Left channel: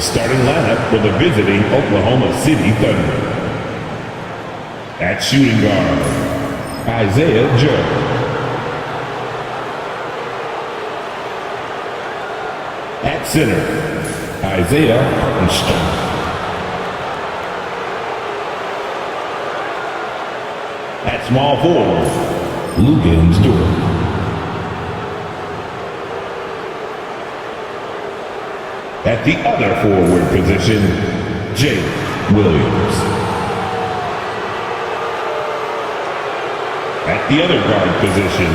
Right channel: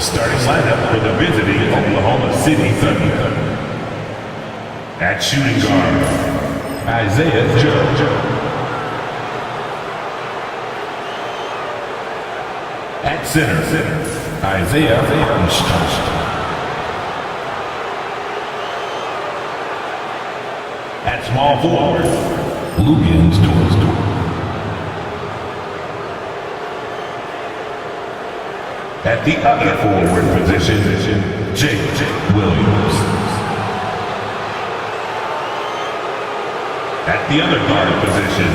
The starting lineup for the visiting Oklahoma City Thunder. At shooting guard, Isaiah Judge. At center, Isaiah Judge. At small forward, Lugans Dort. At the other forward position, Jake Williams. At the other guard position,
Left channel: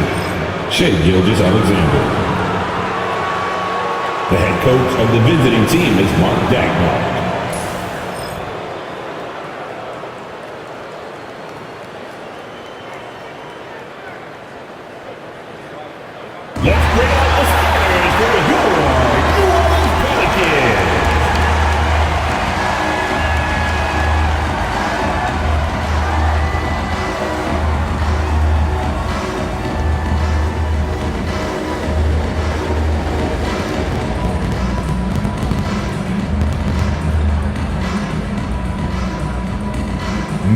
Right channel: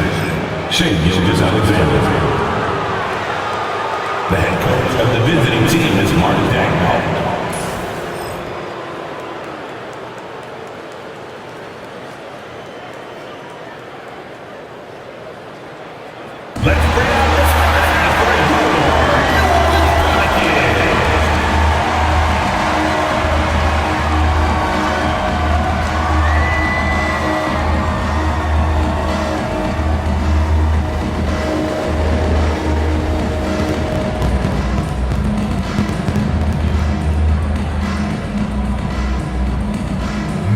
Shai Gilgeous-Alexander. The head coach of the visiting team is Mark Dagnall. Let's bring out the starters for the New Orleans Pelicans.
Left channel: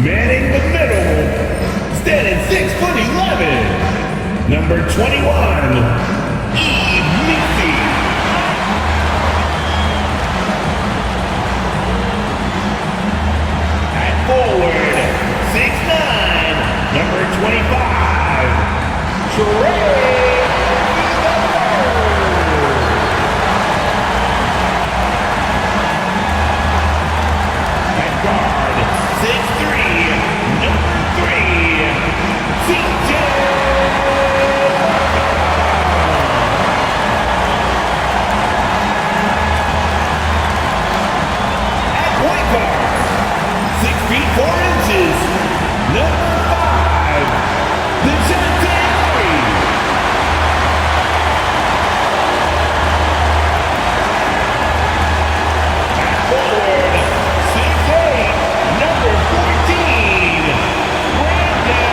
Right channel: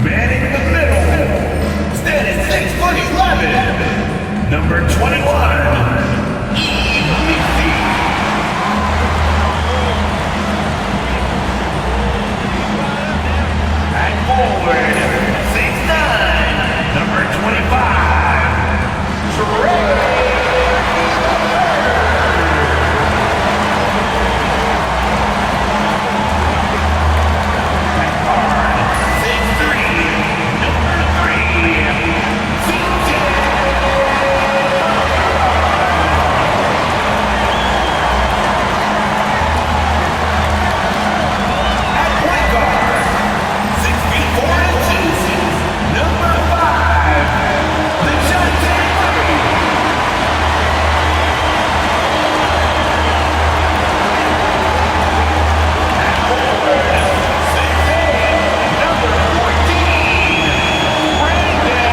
Manning the middle, standing 6'11", number 21. At forward, 6'9", number 25, Trey Murphy III. At guard, 6'3", number 3, CJ. Number 5, the Giant Curry. At forward, 6'8", number 14, Brandon.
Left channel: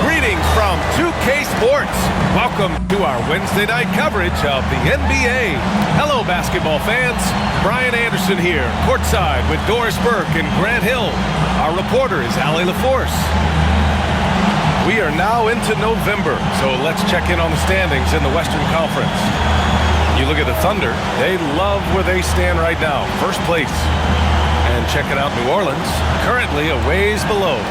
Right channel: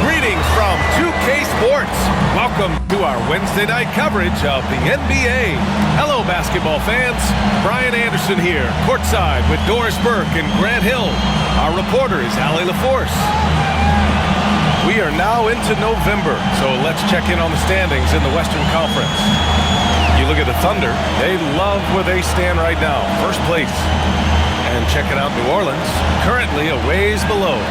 Greetings from 2K Sports. Welcome to our Wednesday night coverage of the NBA. Hello, basketball fans. Brian Anderson here, courtside with Doris Burke and Grant Hill. Our reporter is Allie LaForce. We are now into November, so let's check in on the standings in the Western Conference. You look at the Thunder, they love where they stand right now, first place. And checking out New Orleans, currently a ways below.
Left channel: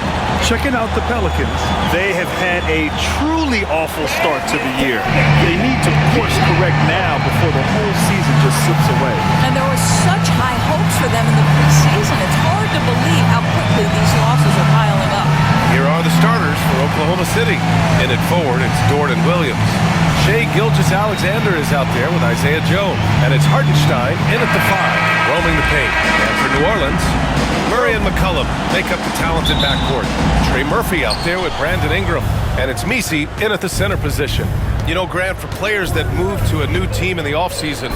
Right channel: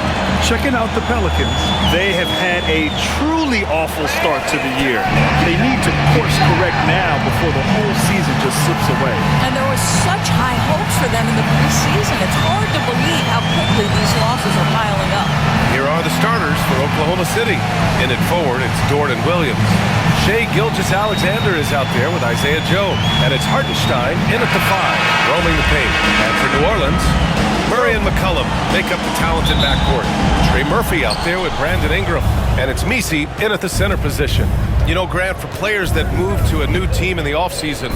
Checking out the Pelicans, they have had a truly awful start to the year. They need to course correct now before the whole season just slips away. And there was such high hopes for them in the preseason. It's hard to believe how quickly these losses are piling up. Here are the starters for Oklahoma City. In it forward, it's Dort and Williams. Shai Gilgeous-Alexander is out there with Isaiah Joe. And it's Hartenstein in at the 5, roaming the paint. And for New Orleans, Murray and McCollum make up the talented backcourt. Trey Murphy out there with Brandon Ingram. And it's Messi in at the center position. You know, Grant, for players that move to a new team in the offseason,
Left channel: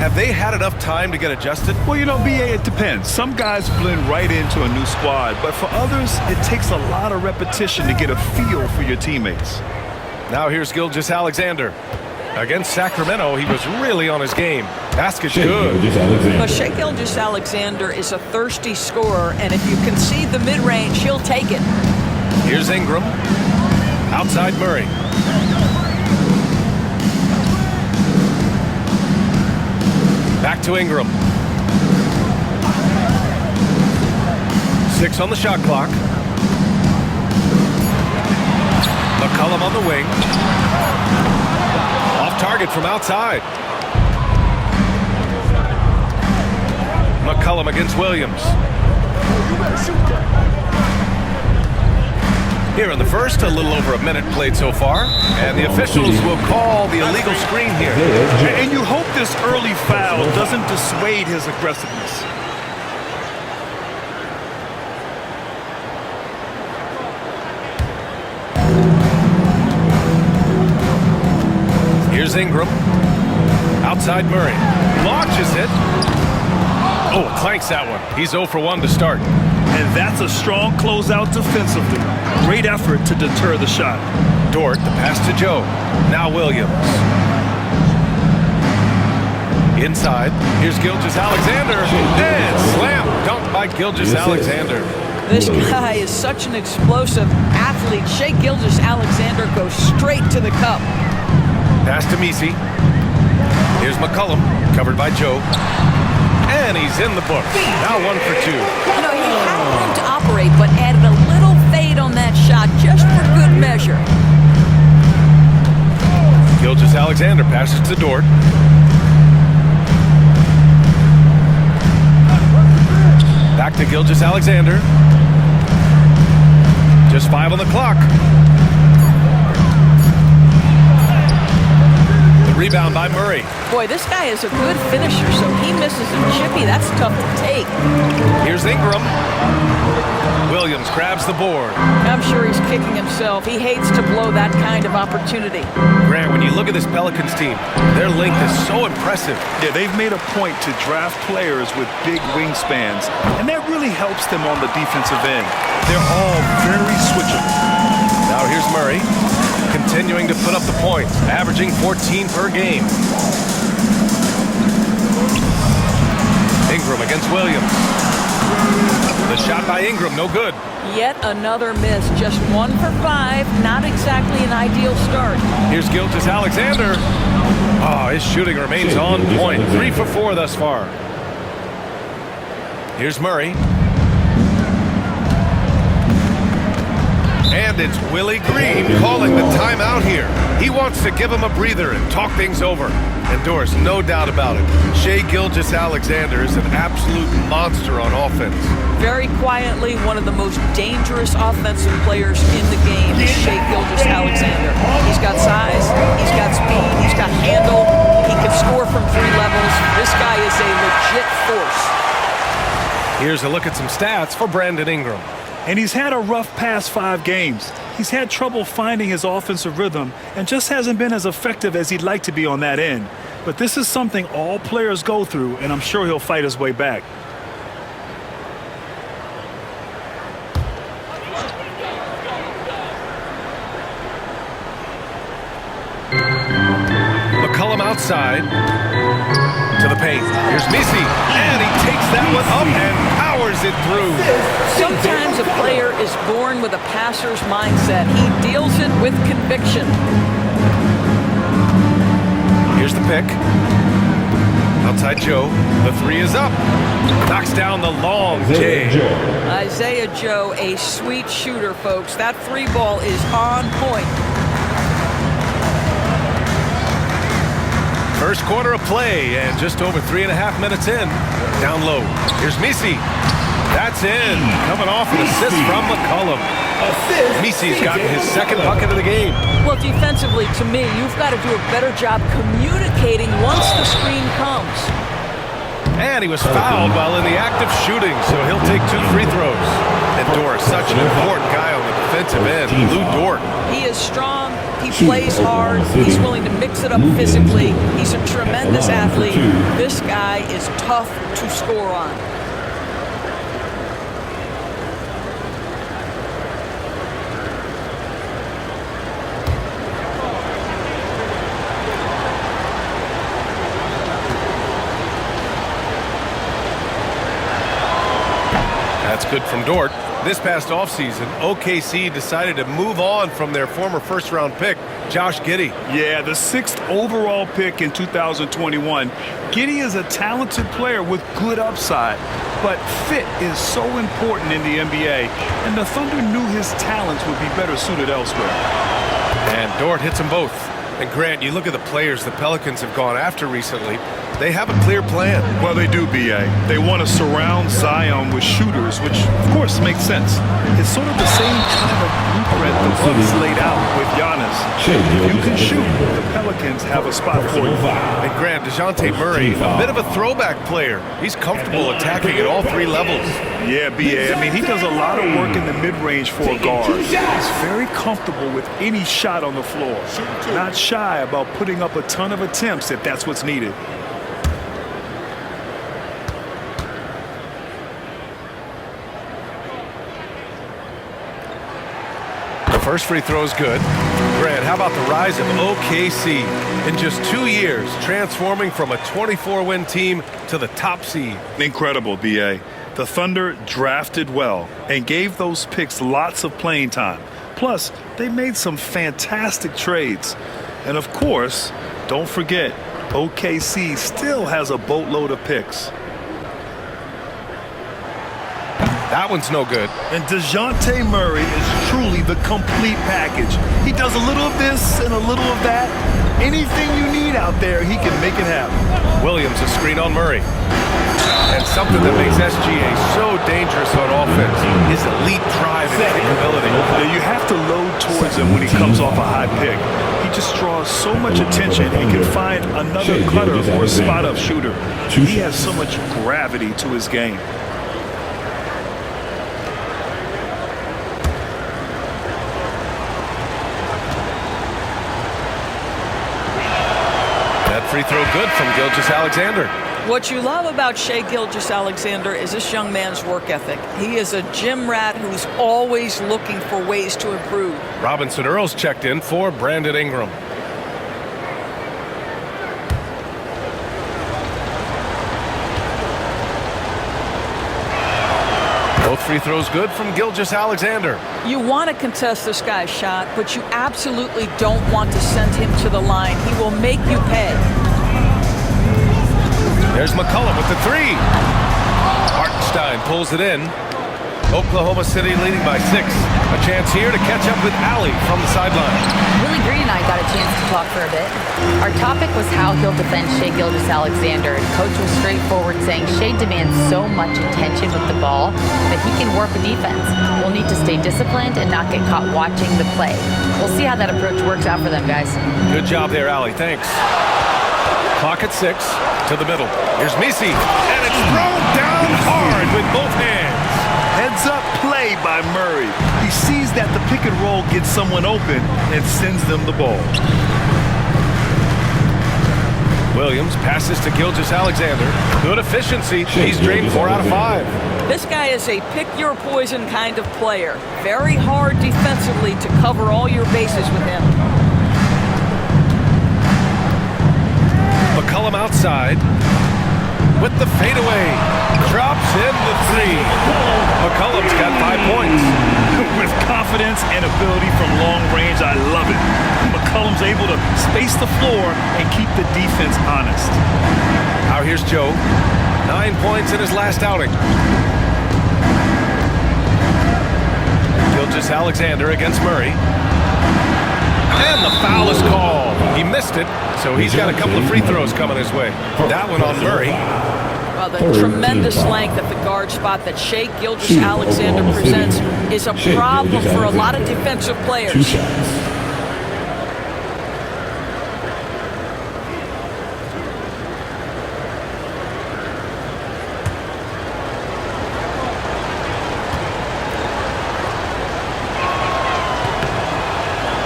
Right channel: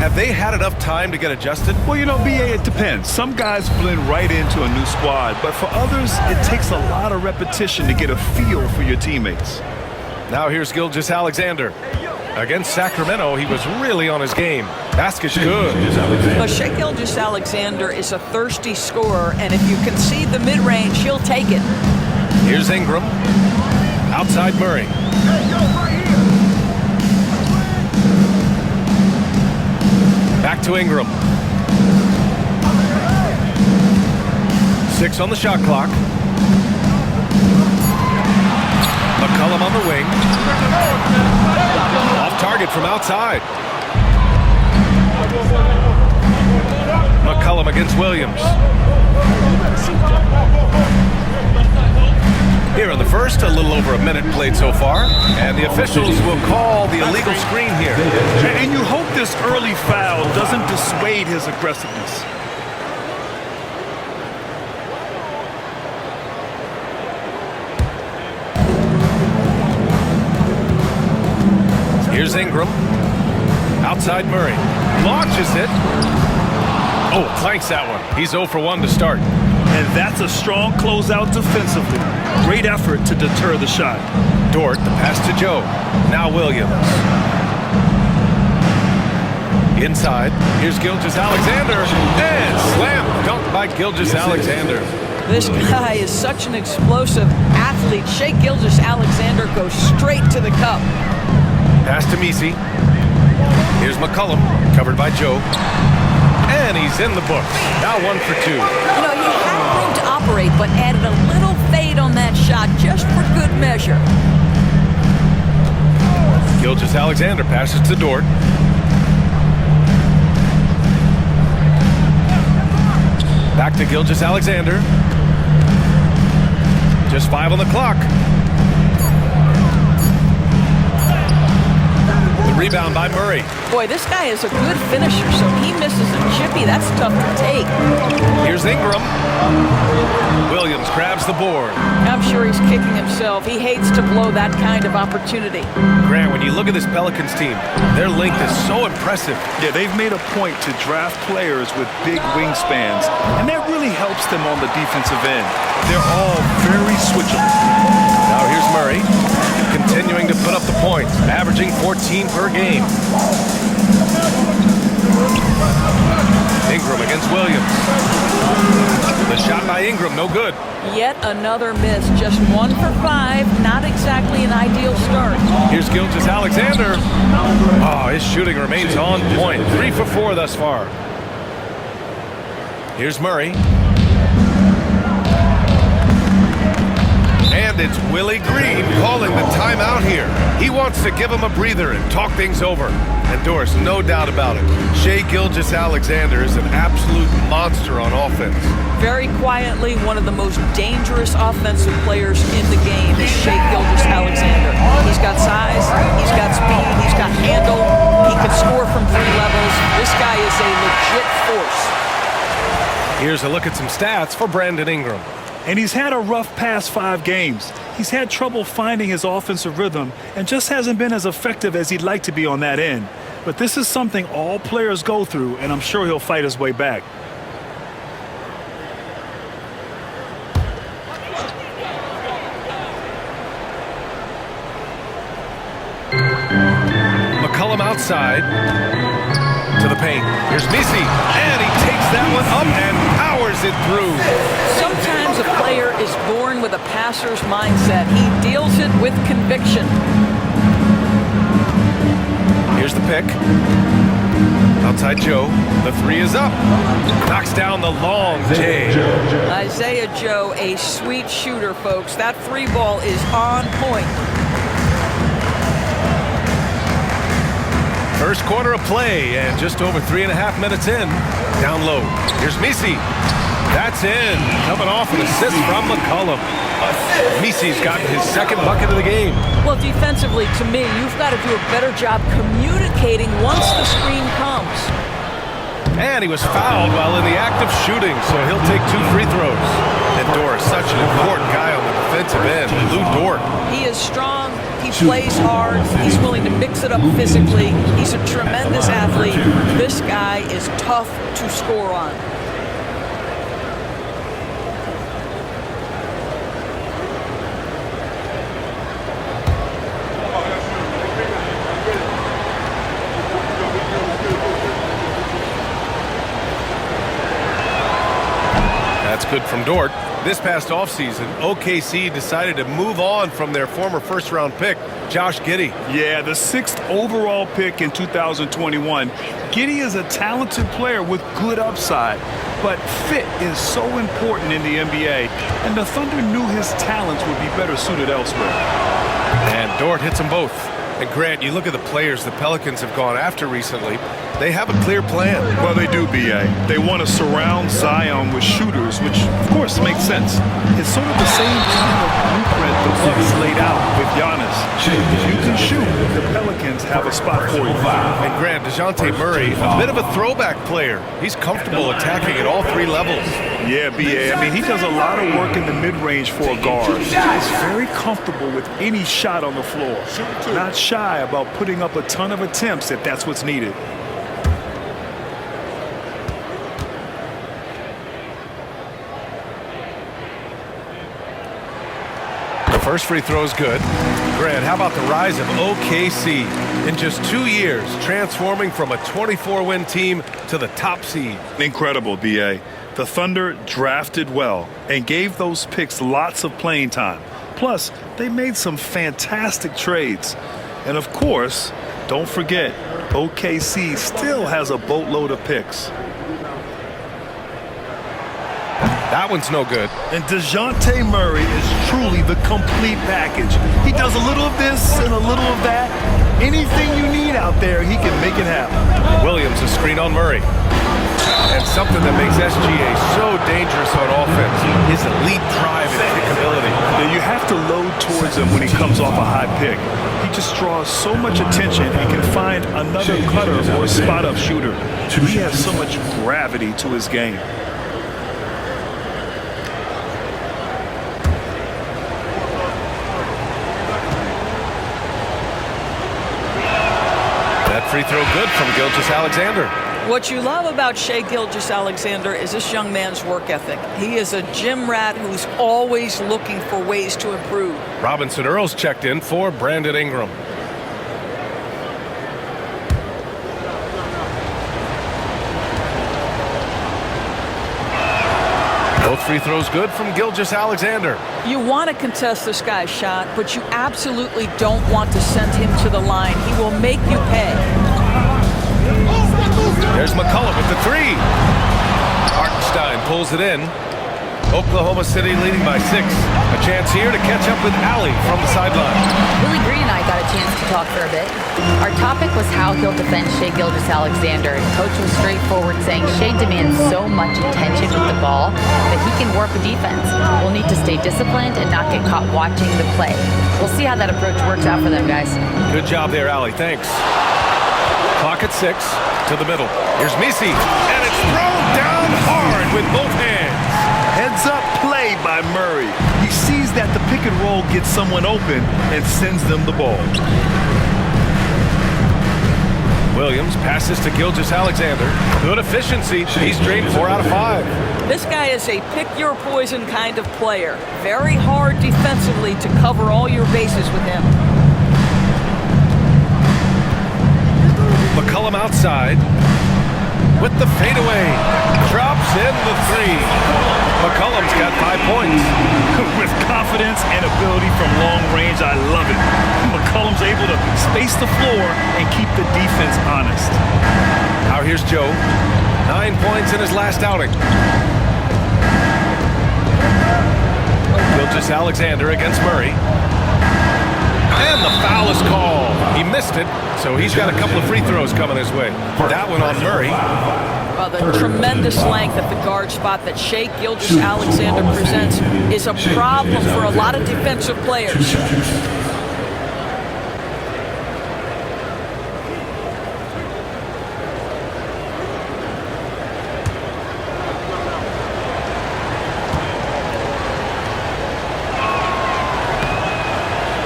have they had enough time to get adjusted? Well, you know, BA, it depends. Some guys blend right into a new squad, but for others, it takes a lot of repetition to get a feel for your teammates. Now here's Gilgeous-Alexander. Against Sacramento, he was really on his game. Basket's good. But Shai Gilgeous-Alexander is a thirsty scorer, and if you concede the mid-range, he'll take it. Here's Ingram. Outside Murray. Back to Ingram. 6 on the shot clock. McCollum on the wing. Off target from outside. McCollum against Williams. Here in the first, a little over a minute played so far, and the officials will call the illegal screen here. And you hope this early foul doesn't dissuade his aggressiveness. Here's Ingram. Outside Murray. Launches it. Oh, clanks that one. He's 0 for 1 to start. And that's a strong closeout defensively. Great effort to deter the shot. Dort, the pass to Joe. Now Williams. Inside, here's Gilgeous-Alexander, and slam dunk by Gilgeous-Alexander. This guy is such an explosive athlete. Shai Gilgeous-Alexander goes straight to the cup. Pass to Messi. Here's McCollum, covered by Joe. And he's in the books. Now 1 for 2. You know, he had room to operate, but added a little fade on that shot just for good measure. Gilgeous-Alexander passes to Dort. Back to Gilgeous-Alexander. Just 5 on the clock. The rebound by Murray. Boy, this guy is a good finisher, so he misses a chippy. That's tough to take. Here's Ingram. Williams grabs the board. I'm sure he's kicking himself. He hates to blow that kind of opportunity. Grant, when you look at this Pelicans team, their length is so impressive. Yeah, they've made a point to draft players with big wingspans, and that really helps them on the defensive end. They're all very switchable. Now here's Murray, continuing to put up the points, averaging 14 per game. Ingram against Williams. The shot by Ingram, no good. Yet another miss, just 1 for 5. Not exactly an ideal start. Here's Gilgeous-Alexander. Oh, his shooting remains on point. 3 for 4 thus far. Here's Murray. And it's Willie Green calling the timeout here. He wants to give him a breather and talk things over. And Doris, no doubt about it, Shai Gilgeous-Alexander is an absolute monster on offense. Very quietly, one of the most dangerous offensive players in the game is Shai Gilgeous-Alexander. He's got size, he's got speed, he's got handle, he can score from 3 levels. This guy is a legit force. Here's a look at some stats for Brandon Ingram. And he's had a rough past 5 games. He's had trouble finding his offensive rhythm and just hasn't been as effective as he'd like to be on that end. But this is something all players go through, and I'm sure he'll fight his way back. McCollum outside to the paint. Here's Messi, and he takes that one up and powers it through. Sometimes a player is born with a passer's mindset. He deals it with conviction. Here's the pick. Outside Joe. The 3 is up. Knocks down the long J. Isaiah Joe, a sweet shooter, folks. That 3 ball is on point. First quarter of play, and just over 3.5 minutes in. Down low. Here's Messi. That's in. Coming off an assist from McCollum. Messi's gotten his 2nd bucket of the game. Well, defensively, to me, you've got to do a better job communicating once the screen comes. And he was fouled while in the act of shooting, so he'll take 2 free throws. And Dort, such an important guy on the defensive end. Lou Dort. He is strong. He plays hard. He's willing to mix it up physically. He's a tremendous athlete. This guy is tough to score on. That's good from Dort. This past offseason, OKC decided to move on from their former first-round pick, Josh Giddey. Yeah, the 6th overall pick in 2021. Giddey is a talented player with good upside, but fit is so important in the NBA, and the Thunder knew his talents would be better suited elsewhere. And Dort hits them both. And Grant, you look at the players the Pelicans have gone after recently, they have a clear plan. Well, they do, B.A. They want to surround Zion with shooters, which, of course, makes sense. It's sort of the same kind of blueprint the Bucks laid out with Giannis. If you can shoot, the Pelicans have a spot for you. And Grant, DeJounte Murray, a bit of a throwback player. He's comfortable attacking at all 3 levels. Yeah, B.A. I mean, he does a lot of work in the mid-range for a guard. He's very comfortable with any shot on the floor. Not shy about putting up a ton of attempts if that's what's needed. First free throw is good. Grant, how about the rise of OKC? In just 2 years, transforming from a 24-win team to the top seed. Incredible, B.A. The Thunder drafted well and gave those picks lots of playing time. Plus, they made some fantastic trades. And of course, don't forget, OKC still has a boatload of picks. That one's no good. And DeJounte Murray is truly the complete package. He does a little of this and a little of that. Anything you need out there, he can make it happen. Williams, a screen on Murray. And something that makes SGA so dangerous on offense, his elite drive and kickability. Now, you have to load towards him when he comes off a high pick. He just draws so much attention and can find another cutter or spot-up shooter. He has so much gravity to his game. That free throw good from Gilgeous-Alexander. What you love about Shai Gilgeous-Alexander is this young man's work ethic. He is a gym rat who's always looking for ways to improve. Robinson Earls checked in for Brandon Ingram. Both free throws good from Gilgeous-Alexander. You want to contest this guy's shot, but you absolutely don't want to send him to the line. He will make you pay. There's McCollum with the three. Hartenstein pulls it in. Oklahoma City leading by 6. A chance here to catch up with Allie from the sideline. Willie Green and I got a chance to talk for a bit. Our topic was how he'll defend Shai Gilgeous-Alexander, and Coach was straightforward, saying Shai demands so much attention with the ball that he can warp a defense. We'll need to stay disciplined and not get caught watching the play. We'll see how that approach works out for them, guys. Good job there, Allie. Thanks. Clock at 6. To the middle. Here's Misi. And it's thrown down hard with both hands. Heads up play by Murray. He sees that the pick and roll gets someone open and sends them the ball. Williams passes to Gilgeous-Alexander. Good efficiency. He's drained 4 out of 5. This guy is a pick-your-poison kind of player. Very hard defensively to cover all your bases with him. McCollum outside with the fadeaway. Drops in the 3. McCollum's got 5 points. With confidence and ability from long range, I love it. McCollum's able to space the floor and keep the defense honest. Now here's Joe. 9 points in his last outing. Gilgeous-Alexander against Murray. And the foul is called. He missed it, so he's got a couple of free throws coming his way. That one on Murray. Well, the tremendous length at the guard spot that Shai Gilgeous-Alexander presents is a problem for a lot of defensive players.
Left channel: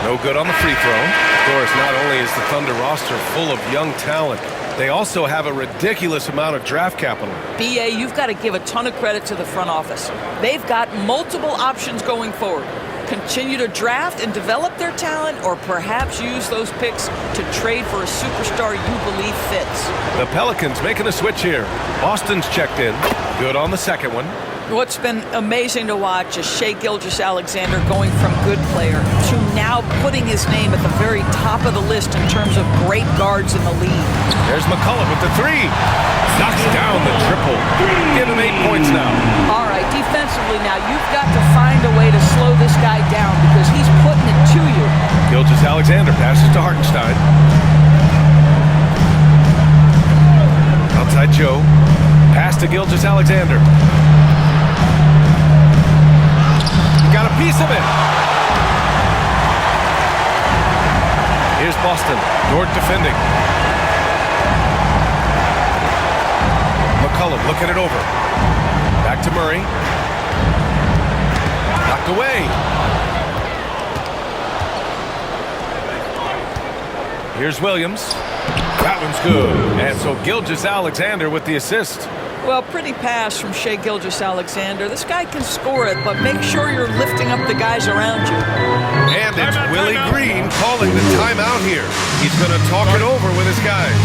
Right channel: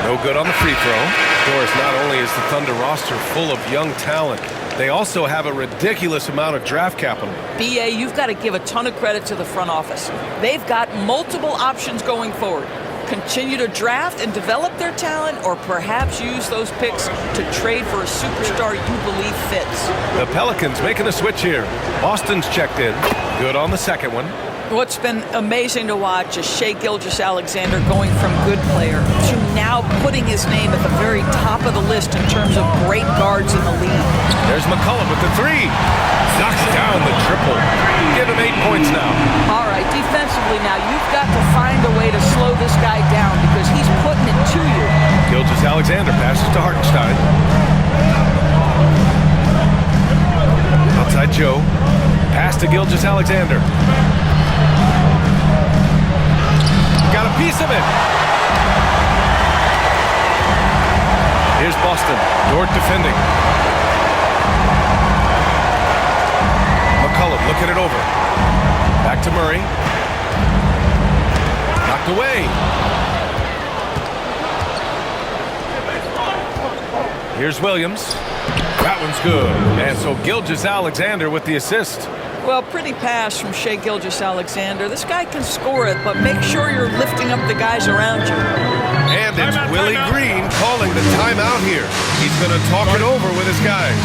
No good on the free throw. Of course, not only is the Thunder roster full of young talent, they also have a ridiculous amount of draft capital. BA, you've got to give a ton of credit to the front office. They've got multiple options going forward. Continue to draft and develop their talent, or perhaps use those picks to trade for a superstar you believe fits. The Pelicans making a switch here. Boston's checked in. Good on the second one. What's been amazing to watch is Shai Gilgeous-Alexander going from good player to now putting his name at the very top of the list in terms of great guards in the league. There's McCollum with the 3. Knocks down the triple. Give him 8 points now. All right, defensively now, you've got to find a way to slow this guy down because he's putting it to you. Gilgeous-Alexander passes to Hartenstein. Outside Joe. Pass to Gilgeous-Alexander. Got a piece of it. Here's Boston. Dort defending. McCollum looking it over. Back to Murray. Knocked away. Here's Williams. That one's good. And so Gilgeous-Alexander with the assist. Well, pretty pass from Shai Gilgeous-Alexander. This guy can score it, but make sure you're lifting up the guys around you. And it's Willie Green calling the timeout here. He's going to talk it over with his guys.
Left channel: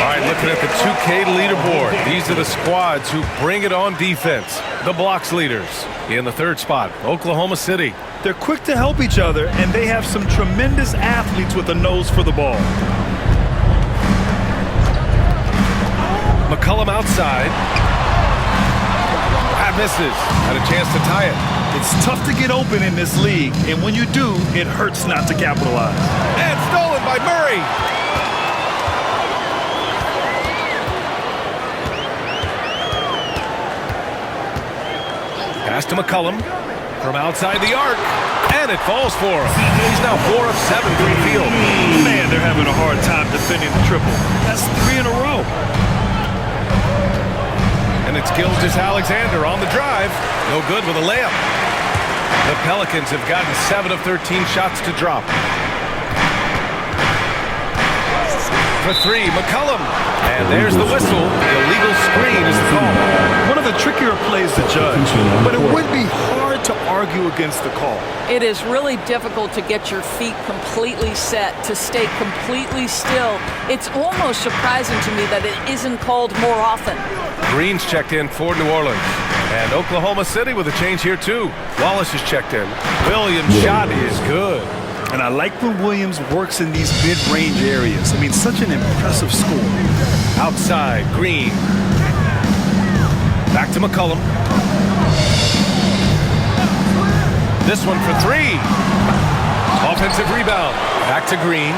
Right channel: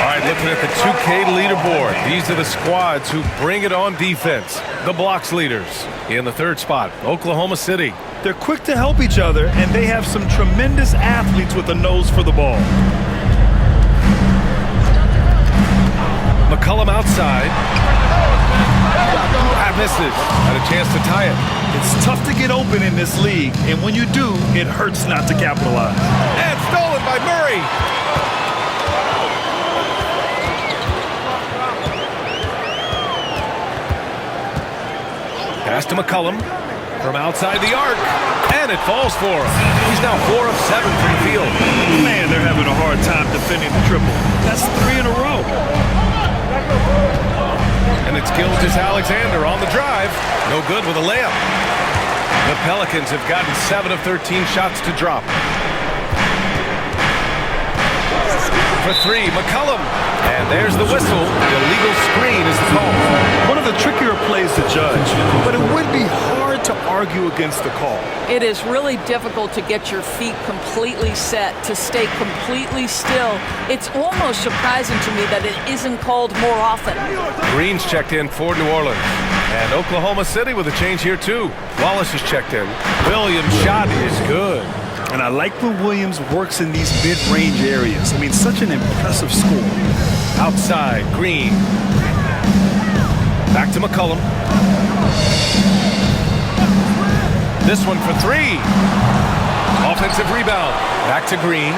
All right, looking at the 2K leaderboard. These are the squads who bring it on defense. The blocks leaders. In the third spot, Oklahoma City. They're quick to help each other, and they have some tremendous athletes with a nose for the ball. McCollum outside. That misses. Had a chance to tie it. It's tough to get open in this league, and when you do, it hurts not to capitalize. And stolen by Murray. Pass to McCollum from outside the arc, and it falls for him. He's now 4 of 7 from the field. Man, they're having a hard time defending the triple. That's 3 in a row. And it's Gilgeous-Alexander on the drive. No good with a layup. The Pelicans have gotten 7 of 13 shots to drop. For 3, McCollum. And there's the whistle. Illegal screen is the call. One of the trickier plays to judge, but it would be hard to argue against the call. It is really difficult to get your feet completely set, to stay completely still. It's almost surprising to me that it isn't called more often. Green's checked in for New Orleans. And Oklahoma City with a change here, too. Wallace is checked in. Williams' shot is good. And I like when Williams works in these mid-range areas. I mean, such an impressive score. Outside, Green. Back to McCollum. This one for 3. Offensive rebound. Back to Green.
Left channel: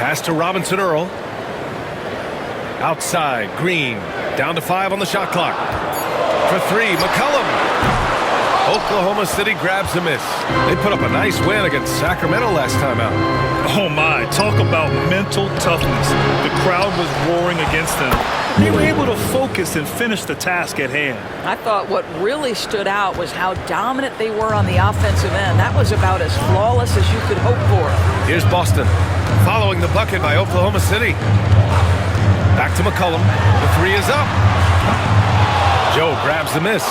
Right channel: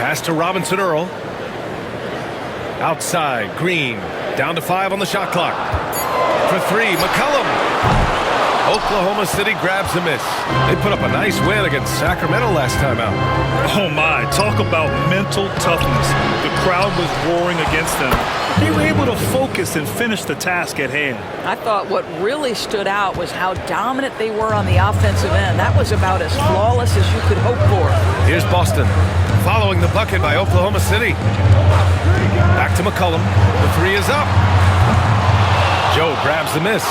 Pass to Robinson Earl. Outside, Green. Down to 5 on the shot clock. For 3, McCollum. Oklahoma City grabs a miss. They put up a nice win against Sacramento last time out. Oh my, talk about mental toughness. The crowd was roaring against them. They were able to focus and finish the task at hand. I thought what really stood out was how dominant they were on the offensive end. That was about as flawless as you could hope for. Here's Boston, following the bucket by Oklahoma City. Back to McCollum. The 3 is up. Joe grabs the miss.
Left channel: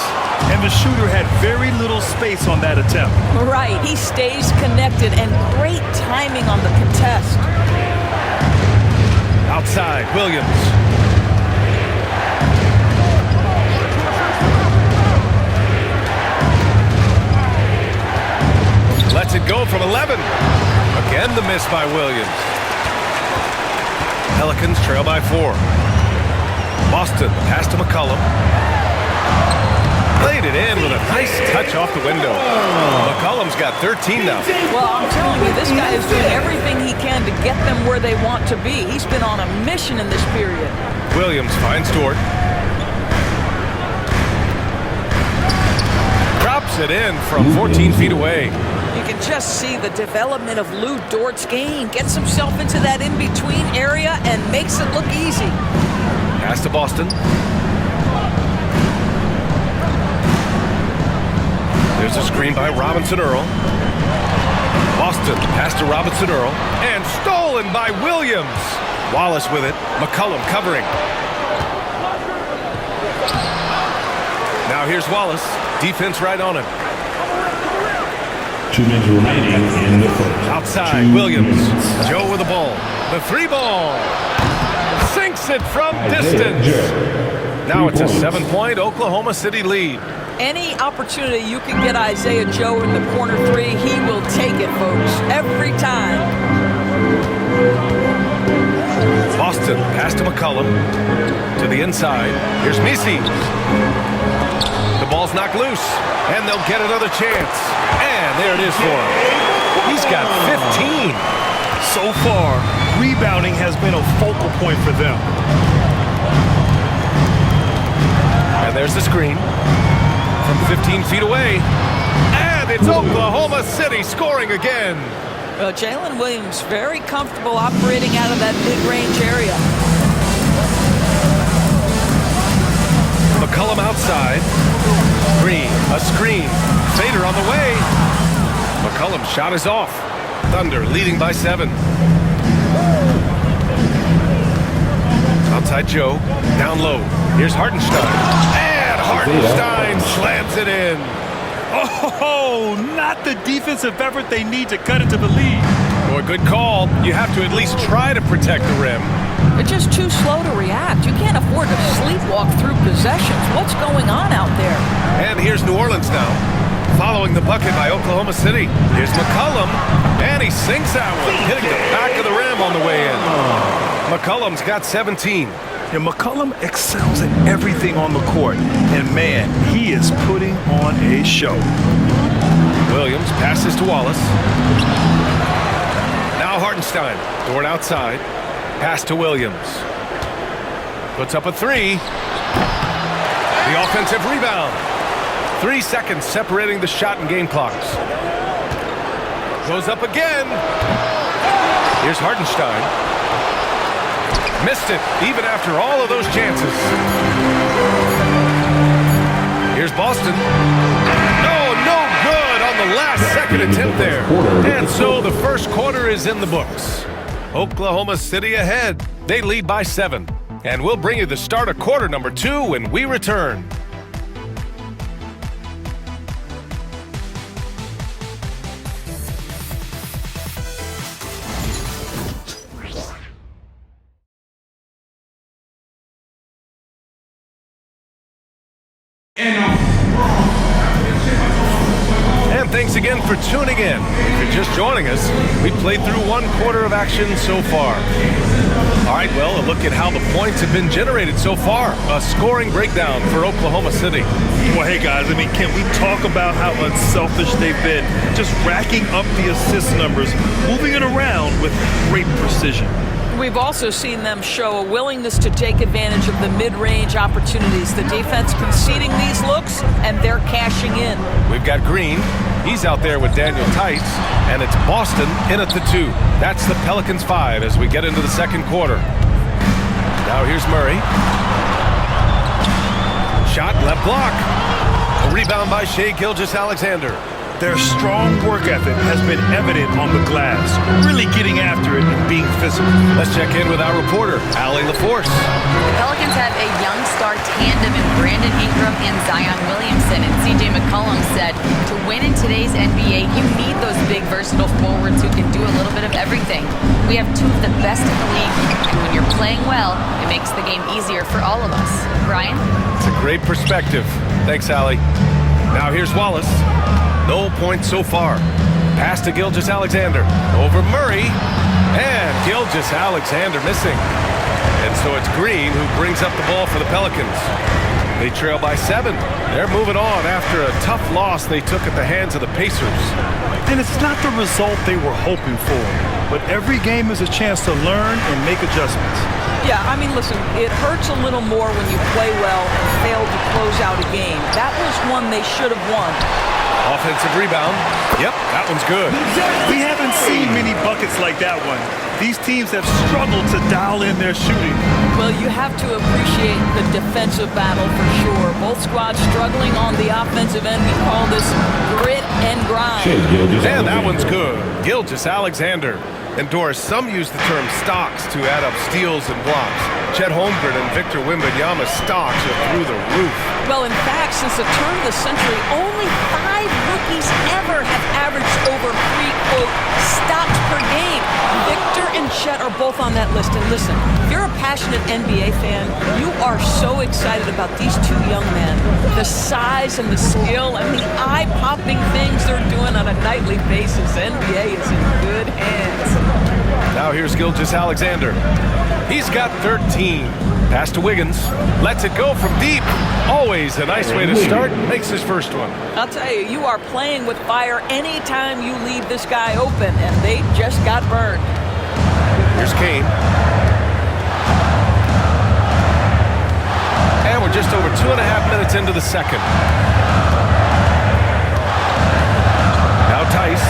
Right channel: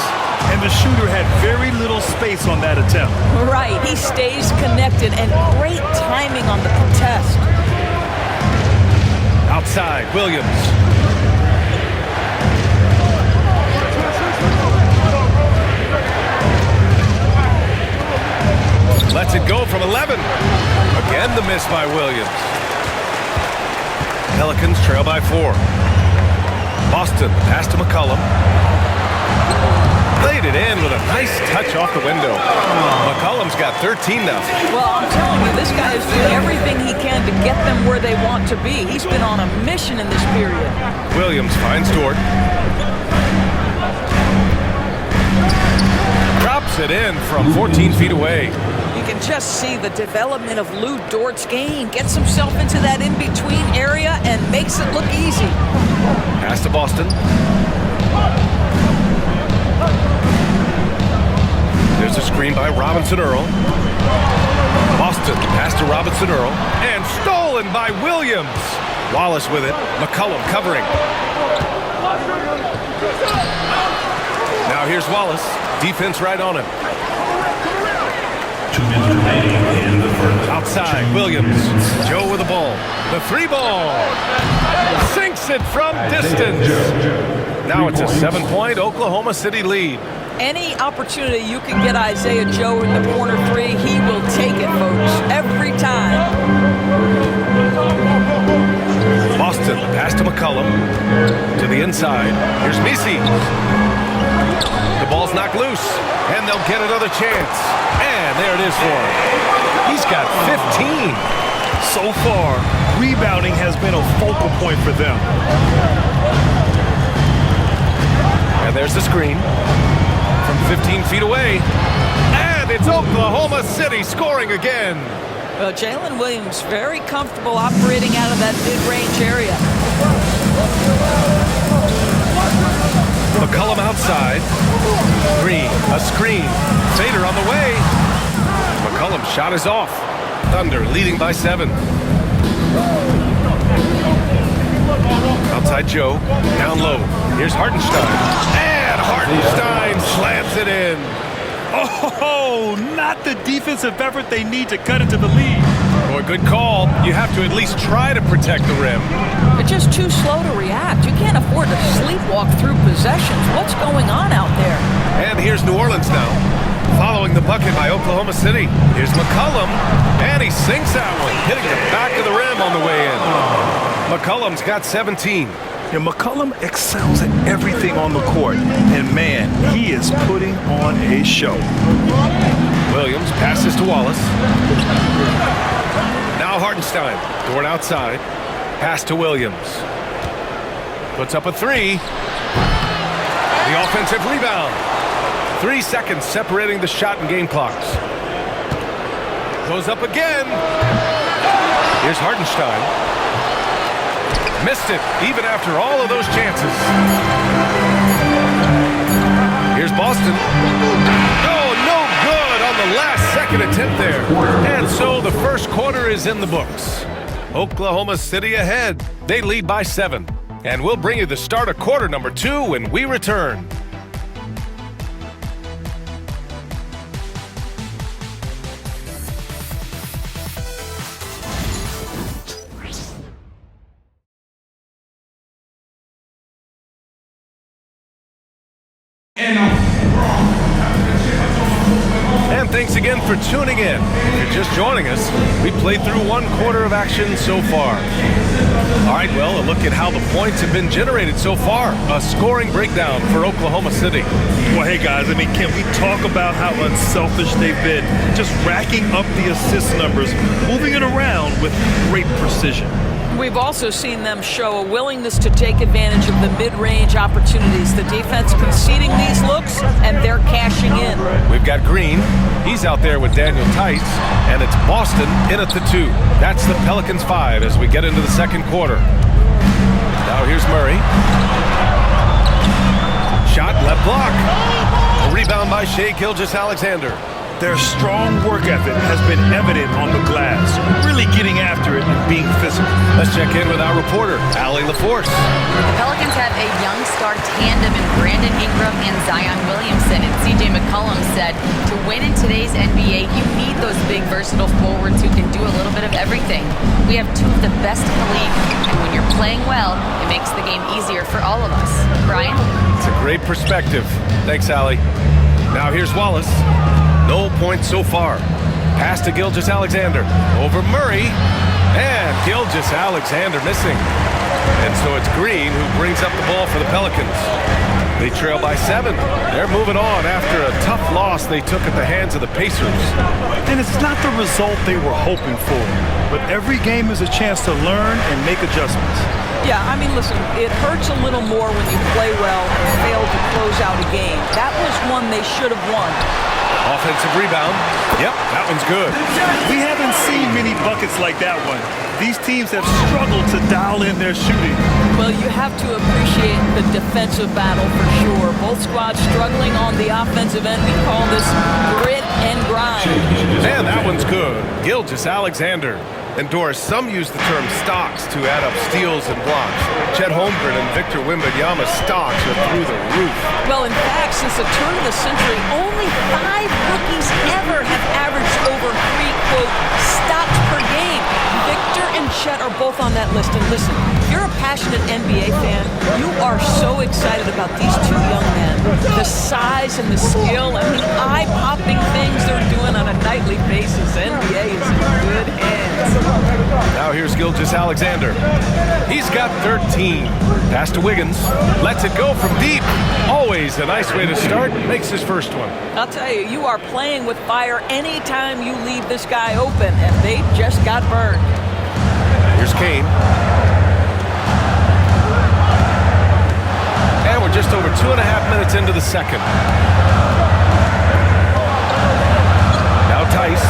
And the shooter had very little space on that attempt. Right, he stays connected, and great timing on the contest. Outside, Williams. Lets it go from 11. Again, the miss by Williams. Pelicans trail by 4. Boston, the pass to McCollum. Laid it in with a nice touch off the window. McCollum's got 13 now. Well, I'm telling you, this guy is doing everything he can to get them where they want to be. He's been on a mission in this period. Williams finds Dort. Drops it in from 14 feet away. You can just see the development of Lou Dort's game. Gets himself into that in-between area and makes it look easy. Pass to Boston. There's a screen by Robinson Earl. Boston, pass to Robinson Earl. And stolen by Williams. Wallace with it. McCollum covering. Now here's Wallace. Defense right on him. 2 minutes remaining in the first. Outside, Williams. Joe with the ball. The 3 ball. Sinks it from distance. Now it's a 7-point Oklahoma City lead. Any opportunity you can get Isaiah Joe in the corner 3, he will take it, folks, every time. Boston, pass to McCollum. To the inside. Here's Misi. The ball's knocked loose, and they'll get another chance. And there it is for him. He's got 15. So far, rebounding has been a focal point for them. And there's the screen. From 15 feet away, and it's Oklahoma City scoring again. Well, Jalen Williams very comfortable operating out of that mid-range area. McCollum outside. Green, a screen. Fader on the way. McCollum's shot is off. Thunder leading by 7. Outside Joe, down low. Here's Hartenstein. And Hartenstein slams it in. Oh, not the defensive effort they need to cut into the lead. Boy, good call. You have to at least try to protect the rim. They're just too slow to react. You can't afford to sleepwalk through possessions. What's going on out there? And here's New Orleans now, following the bucket by Oklahoma City. Here's McCollum, and he sinks that one, hitting the back of the rim on the way in. McCollum's got 17. Yeah, McCollum excels at everything on the court, and man, he is putting on a show. Williams passes to Wallace. Now Hartenstein, Dort outside. Pass to Williams. Puts up a 3. The offensive rebound. 3 seconds separating the shot and game clocks. Goes up again. Here's Hartenstein. Missed it, even after all of those chances. Here's Boston. No good on the last second attempt there. And so the first quarter is in the books. Oklahoma City ahead. They lead by 7. And we'll bring you the start of quarter number 2 when we return. And thanks again for tuning in. If you're just joining us, we played through 1 quarter of action so far. All right, well, a look at how the points have been generated so far. A scoring breakdown for Oklahoma City. Well, hey, guys, I mean, can we talk about how unselfish they've been? Just racking up the assist numbers, moving it around with great precision. We've also seen them show a willingness to take advantage of the mid-range opportunities. The defense conceding these looks, and they're cashing in. We've got Green. He's out there with Daniel Tice, and it's Boston in at the 2. That's the Pelicans 5 as we get into the second quarter. Now here's Murray. Shot left block. A rebound by Shai Gilgeous-Alexander. Their strong work ethic has been evident on the glass, really getting after it and being physical. Let's check in with our reporter, Allie LaForce. The Pelicans have a young star tandem in Brandon Ingram and Zion Williamson. And C.J. McCollum said, to win in today's NBA, you need those big, versatile forwards who can do a little bit of everything. We have 2 of the best in the league, and when you're playing well, it makes the game easier for all of us. Brian? It's a great perspective. Thanks, Allie. Now here's Wallace. No points so far. Pass to Gilgeous-Alexander. Over Murray. And Gilgeous-Alexander missing. And so it's Green who brings up the ball for the Pelicans. They trail by 7. They're moving on after a tough loss they took at the hands of the Pacers. And it's not the result they were hoping for, but every game is a chance to learn and make adjustments. Yeah, I mean, listen, it hurts a little more when you play well and fail to close out a game. That was one they should have won. Offensive rebound. Yep, that one's good. We haven't seen many buckets like that one. These teams have struggled to dial in their shooting. Well, you have to appreciate the defensive battle for sure. Both squads struggling on the offensive end. We call this grit and grind. And that one's good. Gilgeous-Alexander. And Doris, some use the term stocks to add up steals and blocks. Chet Holmgren and Victor Wembanyama's stocks are through the roof. Well, in fact, since the turn of the century, only 5 rookies ever have averaged over 3, quote, stops per game. Victor and Chet are both on that list. And listen, if you're a passionate NBA fan, you are so excited about these 2 young men. The size and the skill and the eye-popping things they're doing on a nightly basis. The NBA is in good hands. Now here's Gilgeous-Alexander. He's got 13. Pass to Wiggins. Lets it go from deep. Always a nice way to start. Makes his first one. I'll tell you, you are playing with fire anytime you leave this guy open, and they just got burned. Here's Kane. And we're just over 2.5 minutes into the second. Now Tice.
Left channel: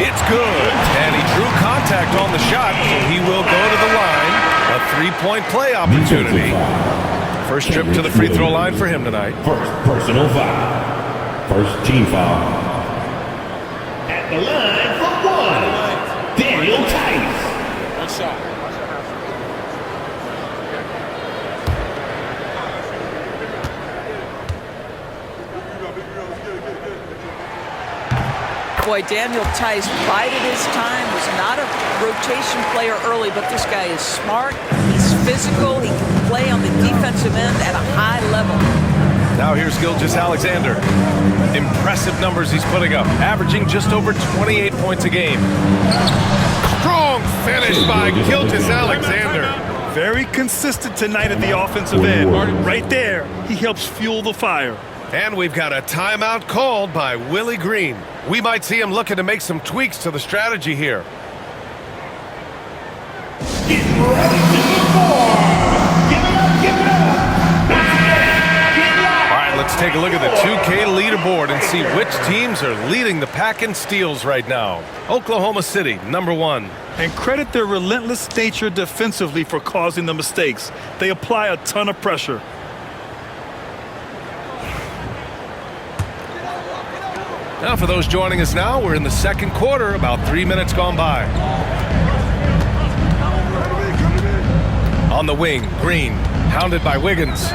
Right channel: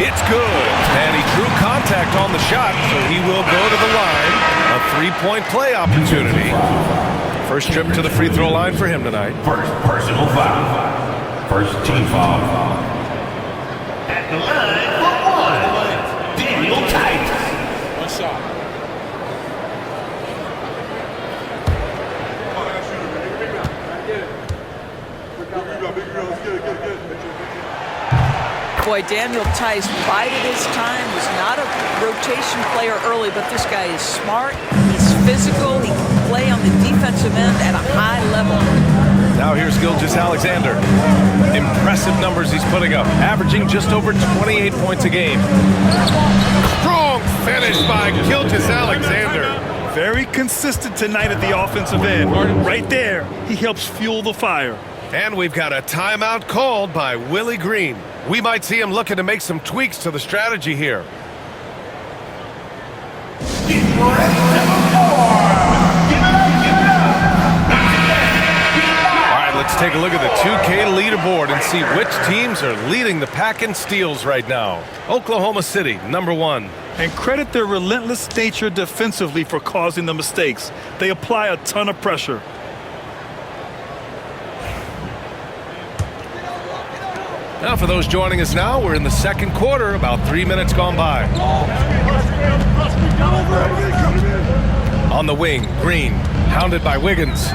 It's good, and he drew contact on the shot, so he will go to the line. A 3-point play opportunity. First trip to the free throw line for him tonight. First personal foul. First team foul. At the line for one, Daniel Tice. One shot. Boy, Daniel Tice bided his time, was not a rotation player early, but this guy is smart, he's physical, he can play on the defensive end at a high level. Now here's Gilgeous-Alexander. Impressive numbers he's putting up, averaging just over 28 points a game. Strong finish by Gilgeous-Alexander. Very consistent tonight at the offensive end. Right there, he helps fuel the fire. And we've got a timeout called by Willie Green. We might see him looking to make some tweaks to the strategy here. Getting ready to move forward. Give it up, give it up. All right, let's take a look at the 2K leaderboard and see which teams are leading the pack in steals right now. Oklahoma City, number 1. And credit their relentless nature defensively for causing the mistakes. They apply a ton of pressure. Now, for those joining us now, we're in the second quarter, about 3 minutes gone by. On the wing, Green, hounded by Wiggins.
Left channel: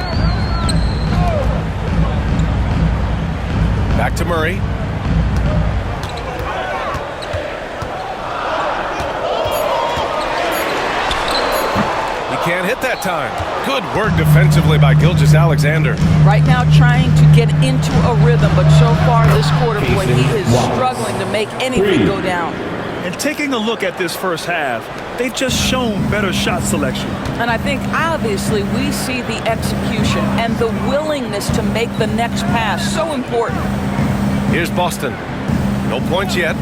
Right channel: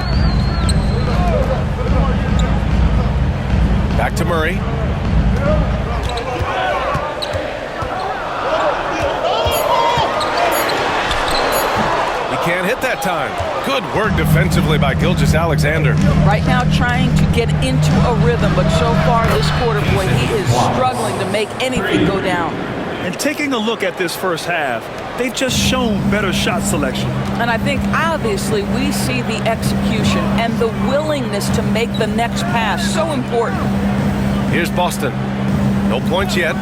Back to Murray. He can't hit that time. Good work defensively by Gilgeous-Alexander. Right now trying to get into a rhythm, but so far this quarter, boy, he is struggling to make anything go down. And taking a look at this first half, they've just shown better shot selection. And I think obviously we see the execution and the willingness to make the next pass so important. Here's Boston. No points yet.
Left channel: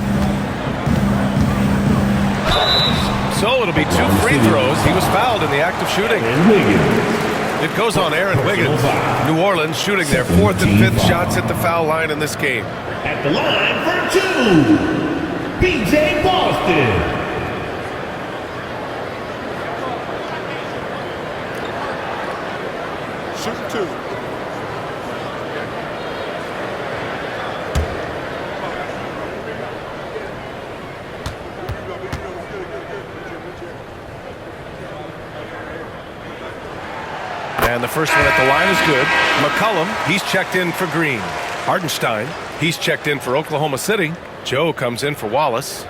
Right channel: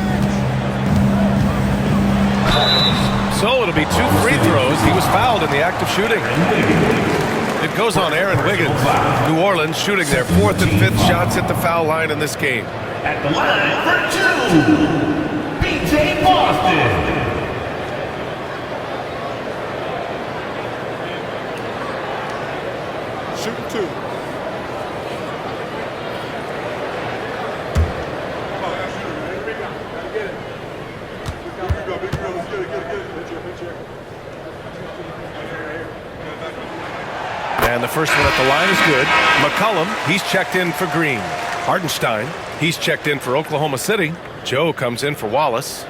So it'll be 2 free throws. He was fouled in the act of shooting. It goes on Aaron Wiggins. New Orleans shooting their 4th and 5th shots at the foul line in this game. At the line for 2, B.J. Boston. Shooting 2. And the first one at the line is good. McCollum, he's checked in for Green. Hardenstein, he's checked in for Oklahoma City. Joe comes in for Wallace.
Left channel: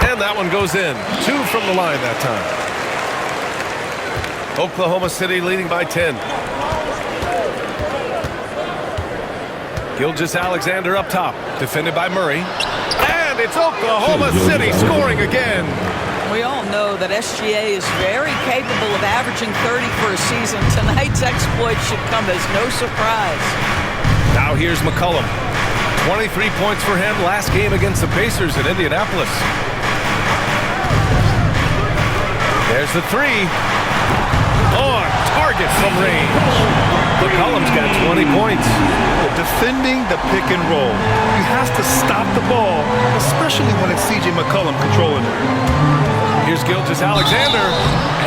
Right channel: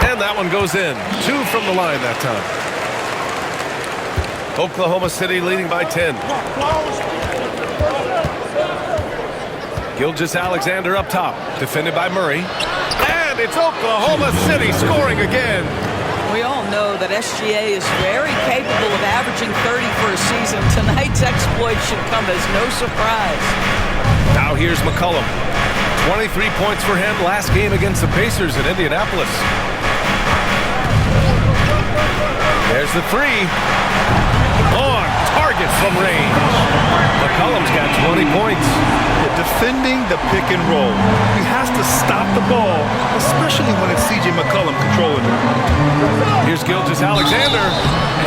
And that one goes in. 2 from the line that time. Oklahoma City leading by 10. Gilgeous-Alexander up top, defended by Murray. And it's Oklahoma City scoring again. We all know that SGA is very capable of averaging 30 for a season. Tonight's exploit should come as no surprise. Now here's McCollum. 23 points for him last game against the Pacers in Indianapolis. There's the 3. On target from range. McCollum's got 20 points. Yeah, defending the pick and roll. You have to stop the ball, especially when it's C.J. McCollum controlling it. Here's Gilgeous-Alexander,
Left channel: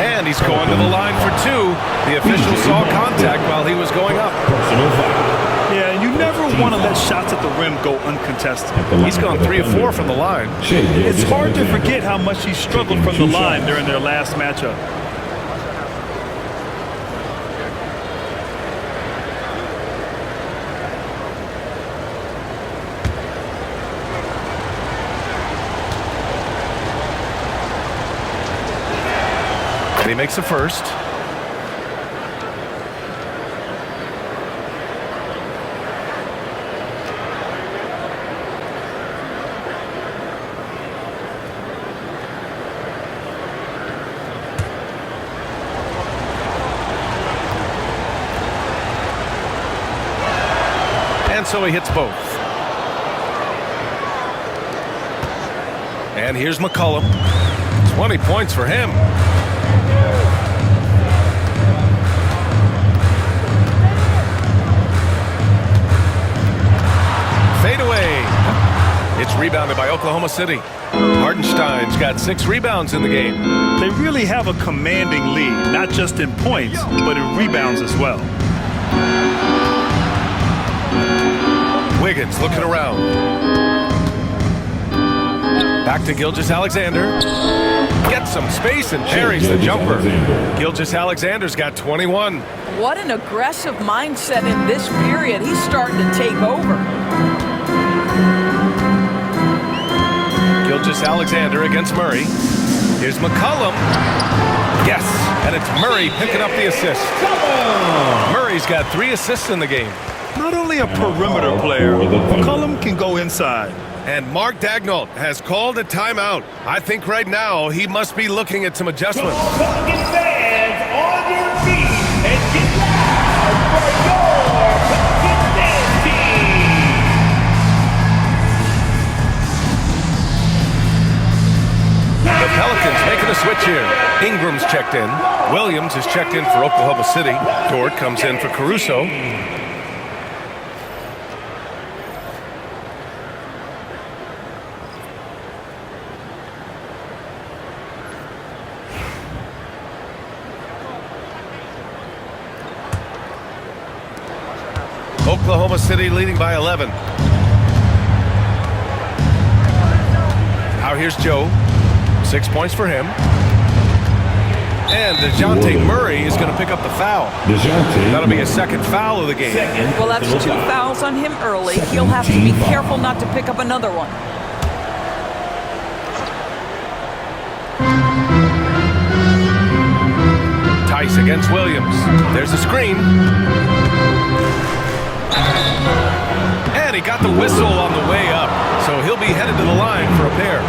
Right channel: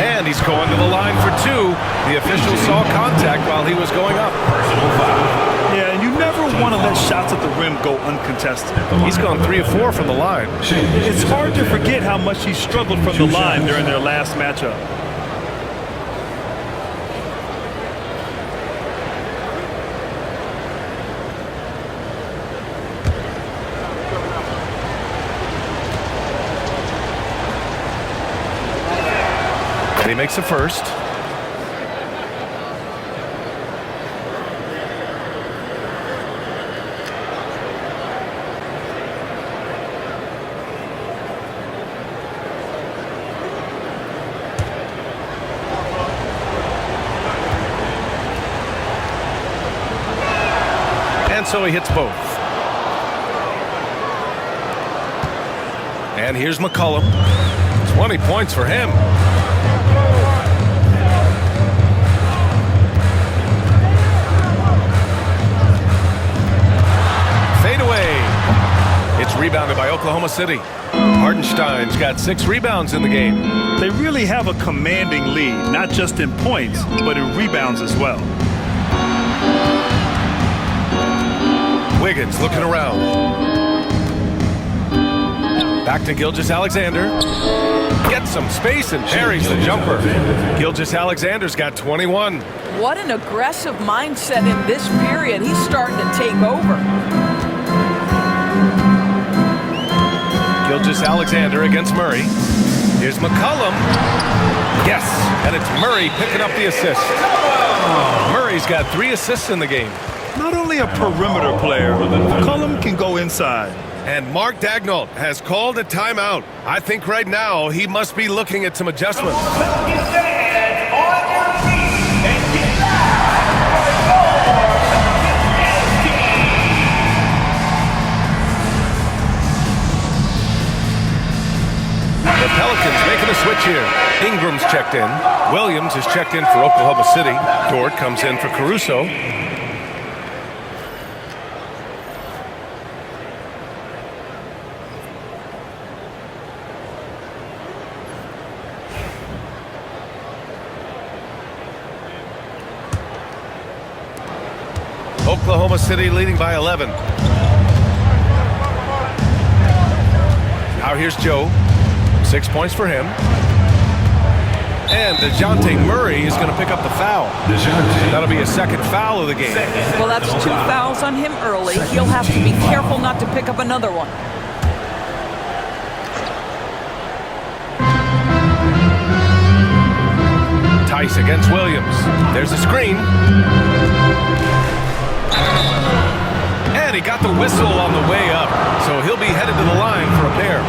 and he's going to the line for 2. The official saw contact while he was going up. Personal foul. Yeah, and you never want to let shots at the rim go uncontested. He's gone 3 of 4 from the line. It's hard to forget how much he struggled from the line during their last matchup. And he makes the first. And so he hits both. And here's McCollum. 20 points for him. fadeaway. It's rebounded by Oklahoma City. Hartenstein's got 6 rebounds in the game. They really have a commanding lead, not just in points, but in rebounds as well. Wiggins looking around. Back to Gilgeous-Alexander. Gets some space and parries the jumper. Gilgeous-Alexander's got 21. What an aggressive mindset in this period. He's starting to take over. Gilgeous-Alexander against Murray. Here's McCollum. Yes, and it's Murray picking up the assist. Murray's got 3 assists in the game. Not only a perimeter player, McCollum can go inside. And Mark Daigneault has called a timeout. I think right now he must be looking at some adjustments. Pelicans fans, on your feet and get loud for your Pelicans dance team. The Pelicans making a switch here. Ingram's checked in. Williams is checked in for Oklahoma City. Dort comes in for Caruso. Oklahoma City leading by 11. Now here's Joe. 6 points for him. And DeJounte Murray is going to pick up the foul. That'll be his 2nd foul of the game. Well, that's 2 fouls on him early. He'll have to be careful not to pick up another one. Tice against Williams. There's a screen. And he got the whistle on the way up, so he'll be headed to the line for a pair.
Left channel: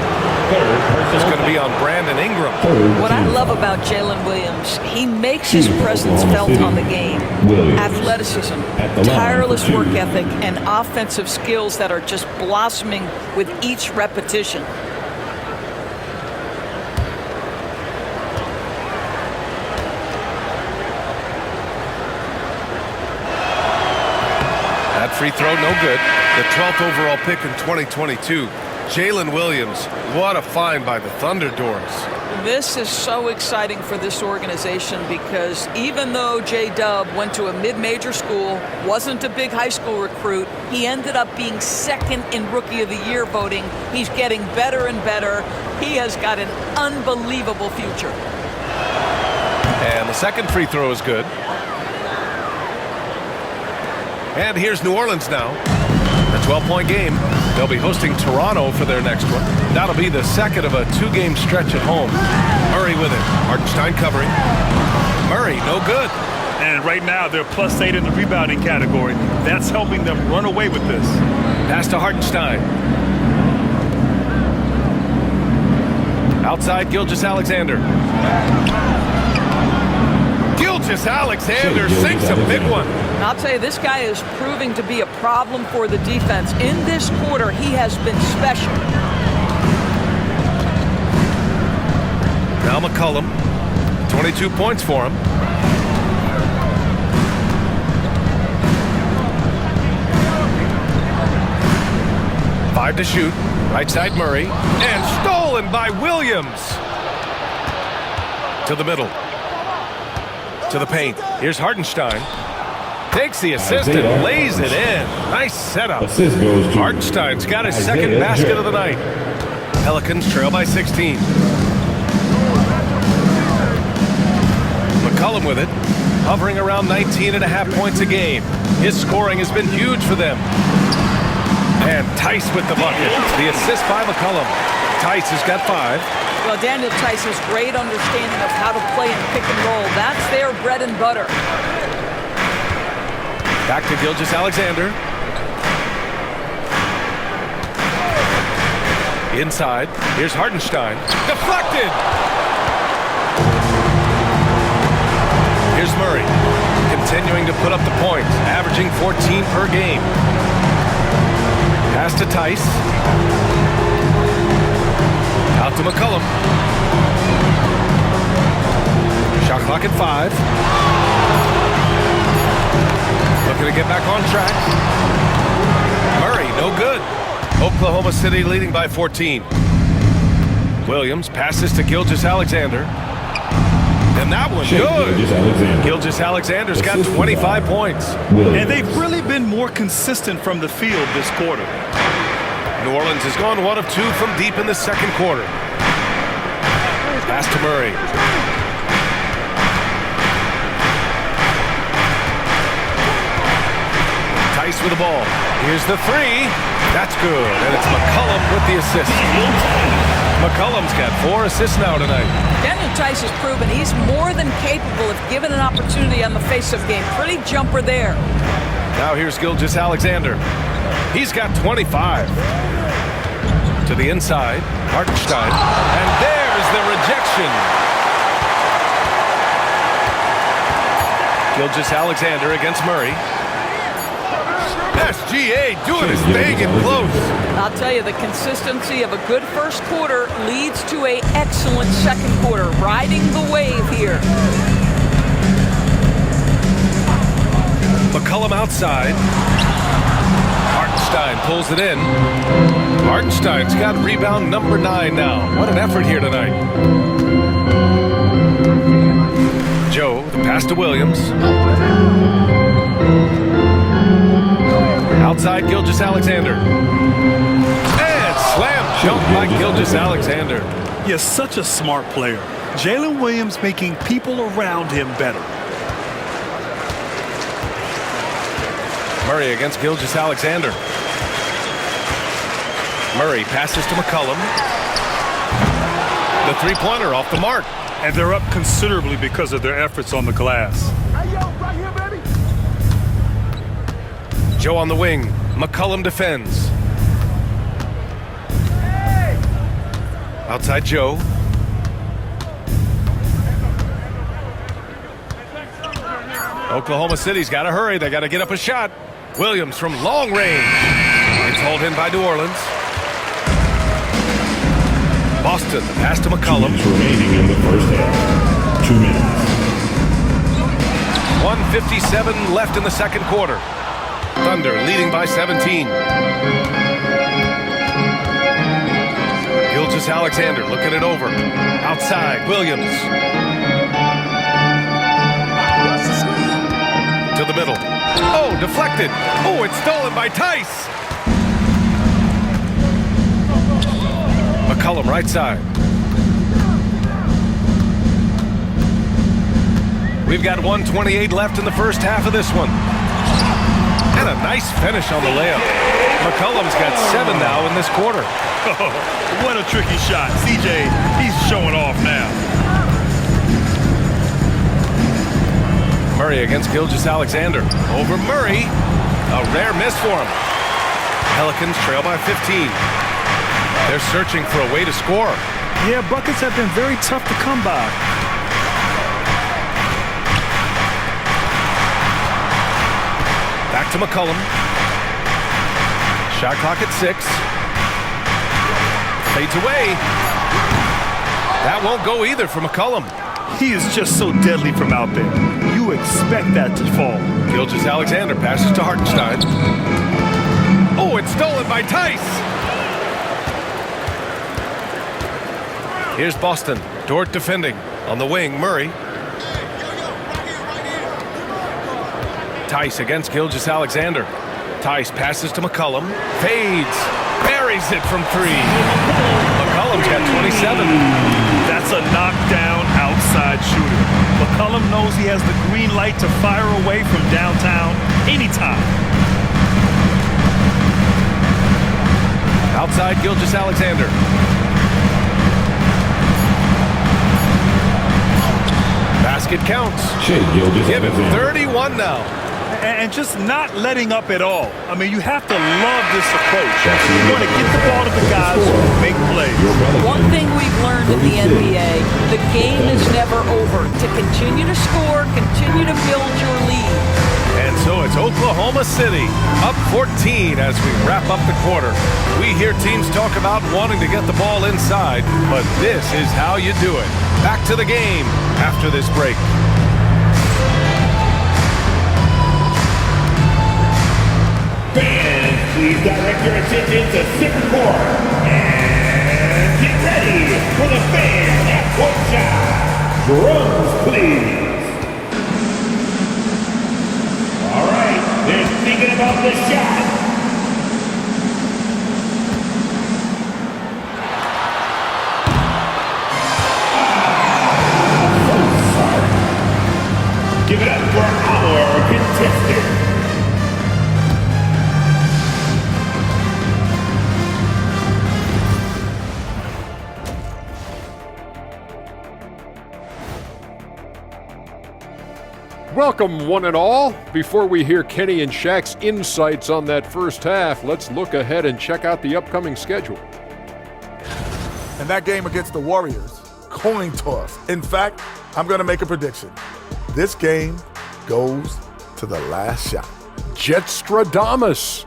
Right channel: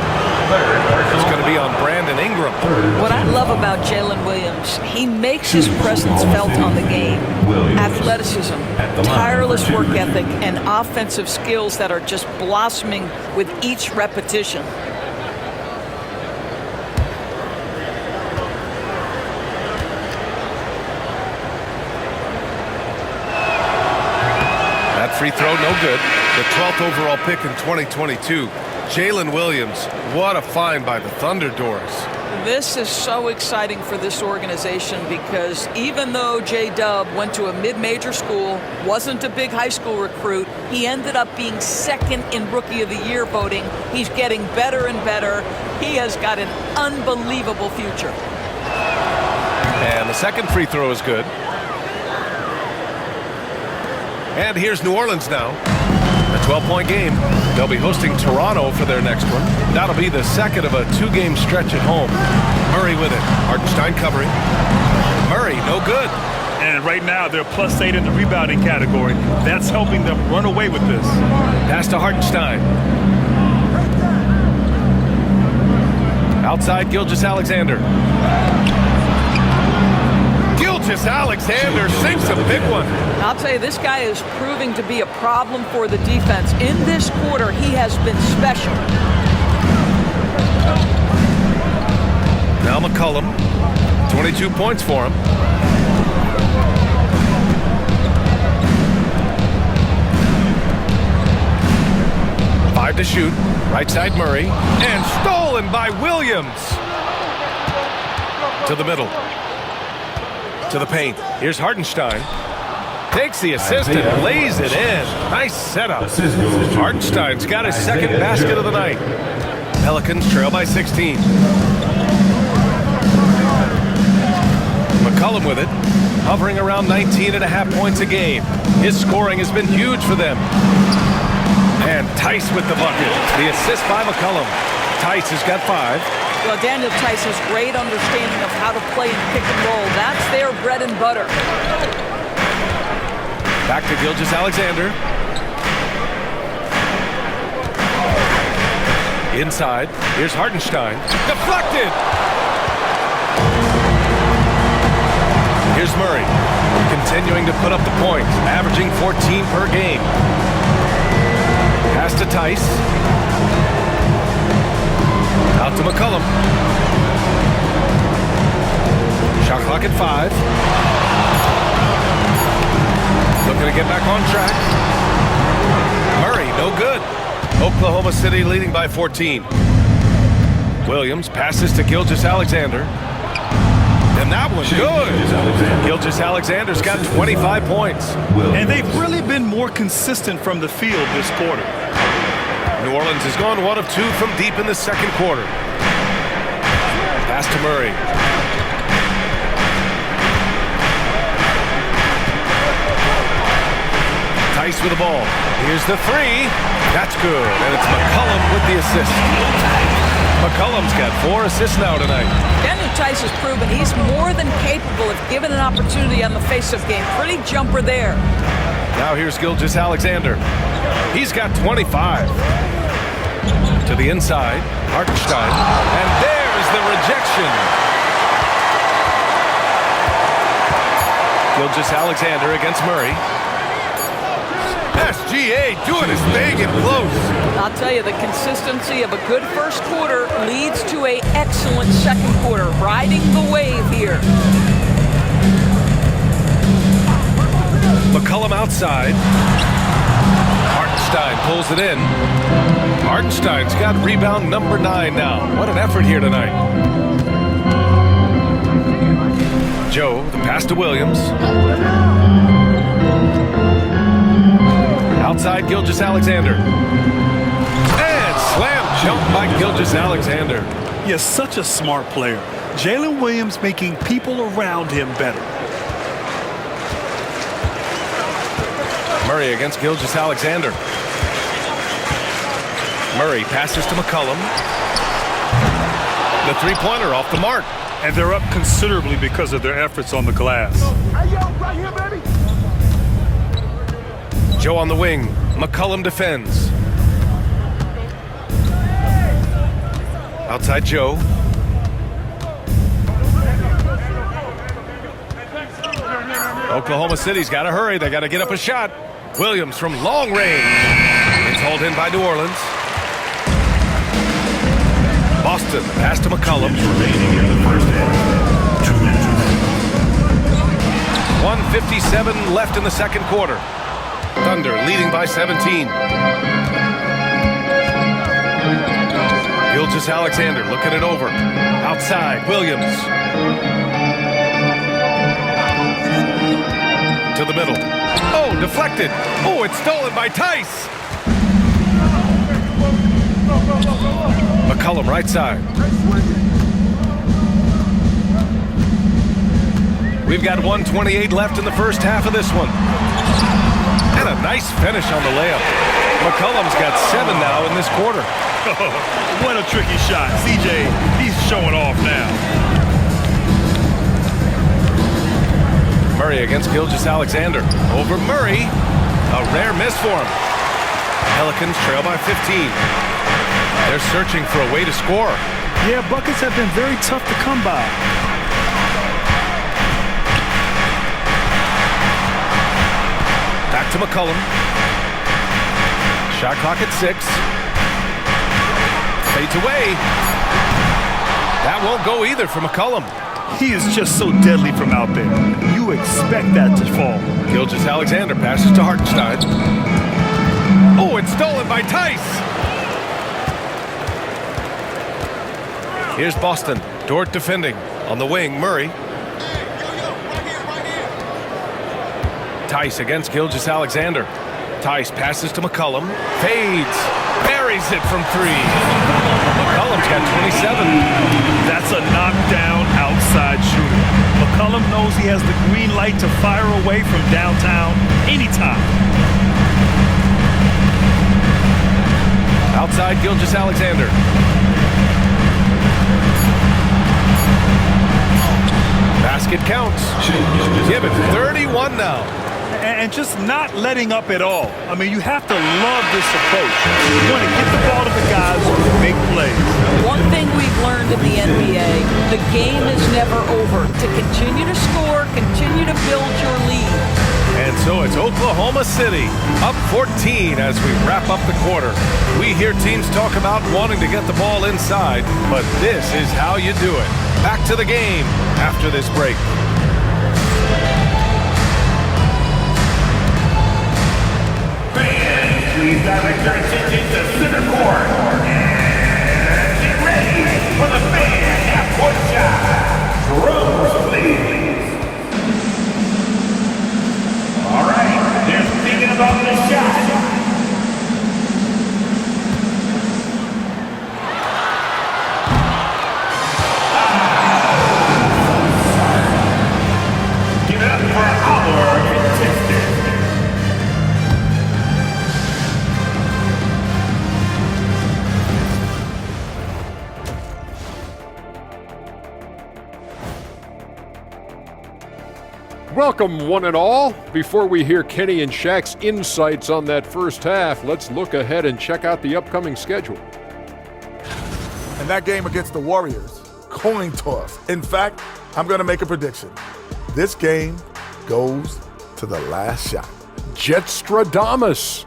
It's going to be on Brandon Ingram. What I love about Jalen Williams, he makes his presence felt on the game. Athleticism, tireless work ethic, and offensive skills that are just blossoming with each repetition. That free throw, no good. The 12th overall pick in 2022. Jalen Williams, what a find by the Thunder Doors. This is so exciting for this organization because even though J-Dub went to a mid-major school, wasn't a big high school recruit, he ended up being 2nd in Rookie of the Year voting. He's getting better and better. He has got an unbelievable future. And the 2nd free throw is good. And here's New Orleans now. A 12-point game. They'll be hosting Toronto for their next one. That'll be the 2nd of a 2-game stretch at home. Murray with it. Hartenstein covering. Murray, no good. And right now, they're +8 in the rebounding category. That's helping them run away with this. Pass to Hartenstein. Outside, Gilgeous-Alexander. Gilgeous-Alexander sinks a big one. I'll tell you, this guy is proving to be a problem for the defense. In this quarter, he has been special. Now McCollum, 22 points for him. Five to shoot. Right side Murray. And stolen by Williams. To the middle. To the paint. Here's Hartenstein. Takes the assist and lays it in. Nice setup. Hartenstein's got his 2nd basket of the night. Pelicans trail by 16. McCollum with it. Hovering around 19.5 points a game. His scoring has been huge for them. And Tice with the bucket. The assist by McCollum. Tice has got 5. Well, Daniel Tice has great understanding of how to play in pick and roll. That's their bread and butter. Back to Gilgeous-Alexander. Inside. Here's Hartenstein. Deflected! Here's Murray. Continuing to put up the points. Averaging 14 per game. Pass to Tice. Out to McCollum. Shot clock at 5. Looking to get back on track. Murray Murray, no good. Oklahoma City leading by 14. Williams passes to Gilgeous-Alexander. And that one, good. Gilgeous-Alexander's got 25 points. And they've really been more consistent from the field this quarter. New Orleans has gone 1 of 2 from deep in the second quarter. Pass to Murray. Tice with the ball. Here's the three. That's good. And it's McCollum with the assist. McCollum's got 4 assists now tonight. Daniel Tice has proven he's more than capable if given an opportunity on the face-off game. Pretty jumper there. Now here's Gilgeous-Alexander. He's got 25. To the inside, Hartenstein. And there's the rejection. Gilgeous-Alexander against Murray. SGA doing his thing in close. I'll tell you, the consistency of a good first quarter leads to an excellent second quarter. Riding the wave here. McCollum outside. Hartenstein pulls it in. Hartenstein's got rebound number 9 now. What an effort here tonight. Joe, the pass to Williams. Outside Gilgeous-Alexander. And slam dunk by Gilgeous-Alexander. He is such a smart player. Jalen Williams making people around him better. Murray against Gilgeous-Alexander. Murray passes to McCollum. The three-pointer off the mark. And they're up considerably because of their efforts on the glass. Hey, yo, right here, baby. Joe on the wing. McCollum defends. Outside Joe. Oklahoma City's got to hurry. They got to get up a shot. Williams from long range. It's hauled in by New Orleans. Boston, the pass to McCollum. Remaining in the first half. 2 minutes. 1:57 left in the second quarter. Thunder leading by 17. Gilgeous-Alexander looking it over. Outside, Williams. To the middle. Oh, deflected. Oh, it's stolen by Tice. McCollum right side. We've got 1:28 left in the first half of this one. And a nice finish on the layup. McCollum's got 7 now in this quarter. Oh, what a tricky shot. CJ, he's showing off now. Murray against Gilgeous-Alexander. Over Murray. A rare miss for him. Pelicans trail by 15. They're searching for a way to score. Yeah, buckets have been very tough to come by. Back to McCollum. Shot clock at 6. Fades away. That won't go either for McCollum. He is just so deadly from out there. You expect that to fall. Gilgeous-Alexander passes to Hartenstein. Oh, it's stolen by Tice. Here's Boston. Dort defending. On the wing, Murray. Tice against Gilgeous-Alexander. Tice passes to McCollum. Fades. Buries it from 3. McCollum's got 27. That's a knockdown outside shooter. McCollum knows he has the green light to fire away from downtown anytime. Outside Gilgeous-Alexander. Basket counts. Give it 31 now. And just not letting up at all. I mean, you have to love this approach. You want to get the ball to the guys who make plays. One thing we've learned in the NBA, the game is never over. To continue to score, continue to build your lead. And so it's Oklahoma City up 14 as we wrap up the quarter. We hear teams talk about wanting to get the ball inside, but this is how you do it. Back to the game after this break. Fans Please direct your attention to center court. And get ready for the fan half-court shot. Drums, please. All right, they're thinking about this shot. Give it up for our contestant. Welcome, one and all. Before we hear Kenny and Shaq's insights on that first half, let's look ahead and check out the upcoming schedule. And that game against the Warriors, coin toss. In fact, I'm going to make a prediction. This game goes to the last shot. Jetstradamus.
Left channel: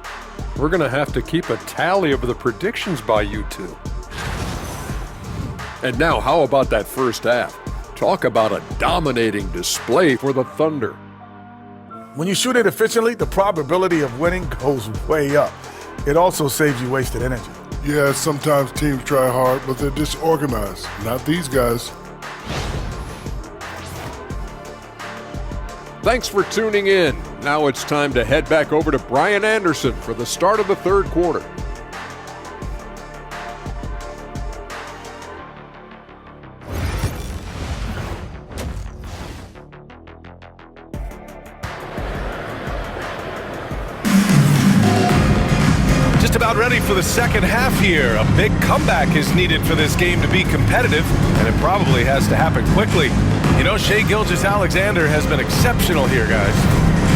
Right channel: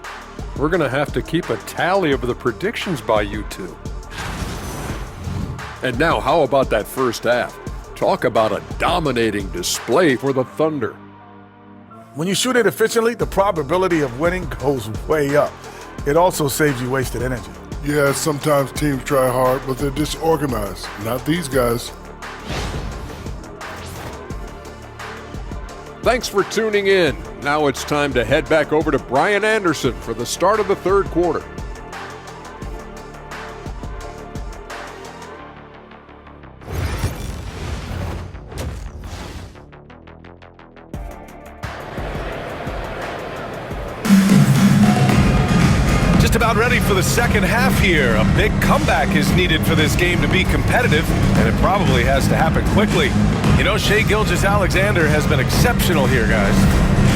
We're going to have to keep a tally of the predictions by you two. And now, how about that first half? Talk about a dominating display for the Thunder. When you shoot it efficiently, the probability of winning goes way up. It also saves you wasted energy. Yeah, sometimes teams try hard, but they're disorganized. Not these guys. Thanks for tuning in. Now it's time to head back over to Brian Anderson for the start of the third quarter. Just about ready for the second half here. A big comeback is needed for this game to be competitive, and it probably has to happen quickly. You know, Shai Gilgeous-Alexander has been exceptional here, guys.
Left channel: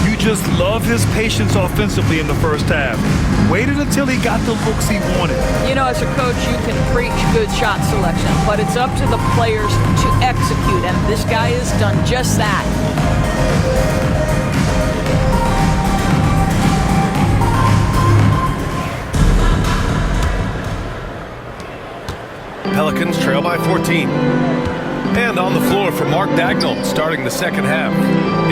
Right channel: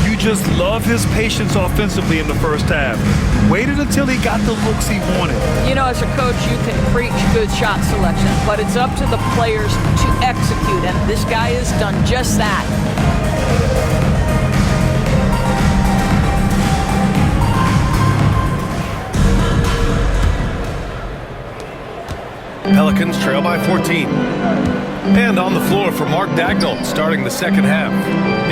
You just love his patience offensively in the first half. Waited until he got the looks he wanted. You know, as a coach, you can preach good shot selection, but it's up to the players to execute, and this guy has done just that. Pelicans trail by 14. And on the floor for Mark Dagnall, starting the second half.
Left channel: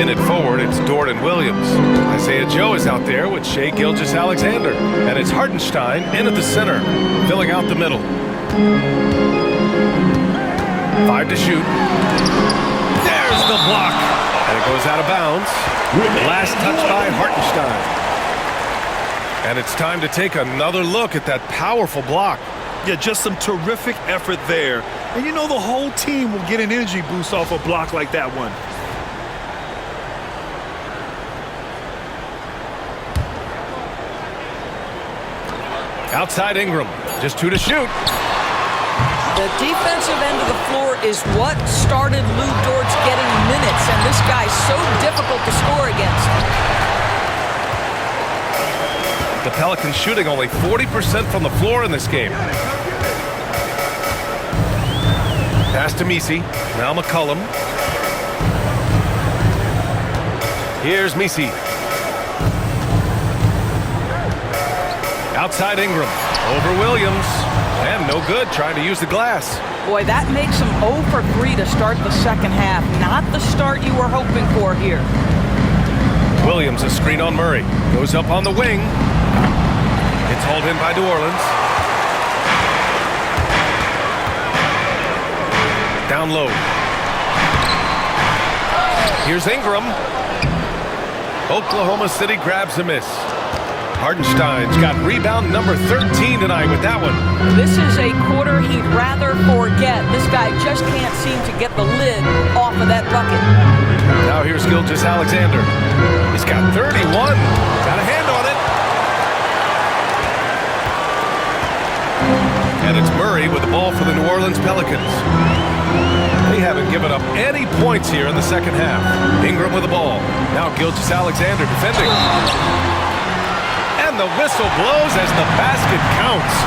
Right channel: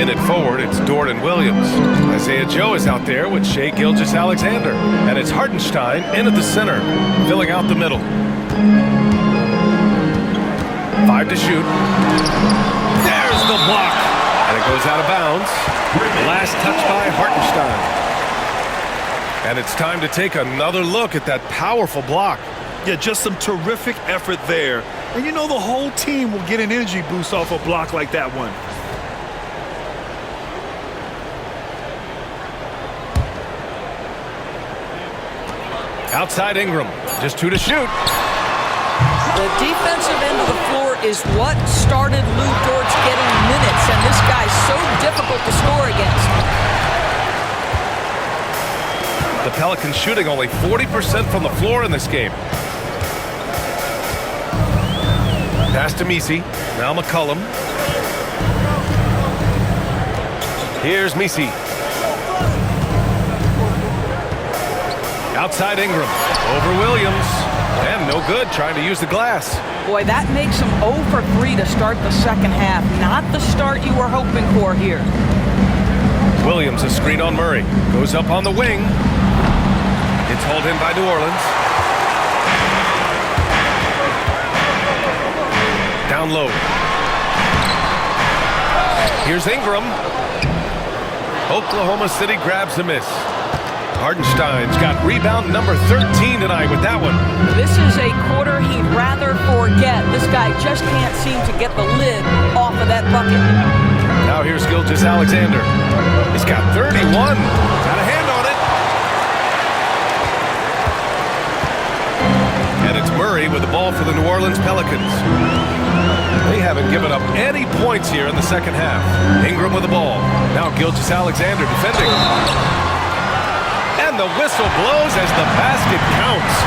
In it forward, it's Dorian Williams. Isaiah Joe is out there with Shai Gilgeous-Alexander. And it's Hartenstein in at the center, filling out the middle. 5 to shoot. There's the block. And it goes out of bounds. Last touch by Hartenstein. And it's time to take another look at that powerful block. Yeah, just some terrific effort there. And you know the whole team will get an energy boost off a block like that one. Outside Ingram, just 2 to shoot. The defensive end of the floor is what started Lou Dort's getting minutes, and this guy's so difficult to score against. The Pelicans shooting only 40% from the floor in this game. Pass to Messi. Now McCollum. Here's Messi. Outside Ingram. Over Williams. And no good, trying to use the glass. Boy, that makes him 0 for 3 to start the second half. Not the start you were hoping for here. Williams, a screen on Murray. Goes up on the wing. It's hauled in by New Orleans. Down low. Here's Ingram. Oklahoma City grabs a miss. Hartenstein's got rebound number 13 tonight with that one. This is a quarter he'd rather forget. This guy just can't seem to get the lid off of that bucket. Now here's Gilgeous-Alexander. He's got 31. Got a hand on it. And it's Murray with the ball for the New Orleans Pelicans. They haven't given up any points here in the second half. Ingram with the ball. Now Gilgeous-Alexander defending. And the whistle blows as the basket counts.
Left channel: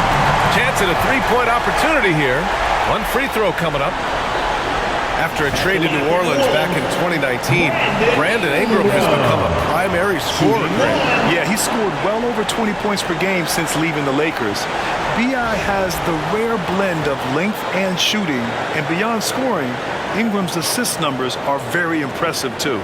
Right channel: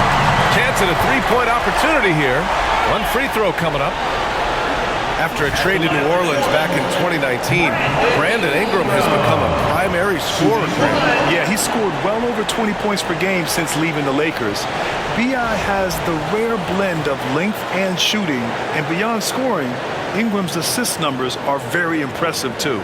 Chance at a three-point opportunity here. One free throw coming up. After a trade to New Orleans back in 2019, Brandon Ingram has become a primary scorer. Yeah, he scored well over 20 points per game since leaving the Lakers. B.I. has the rare blend of length and shooting, and beyond scoring, Ingram's assist numbers are very impressive too.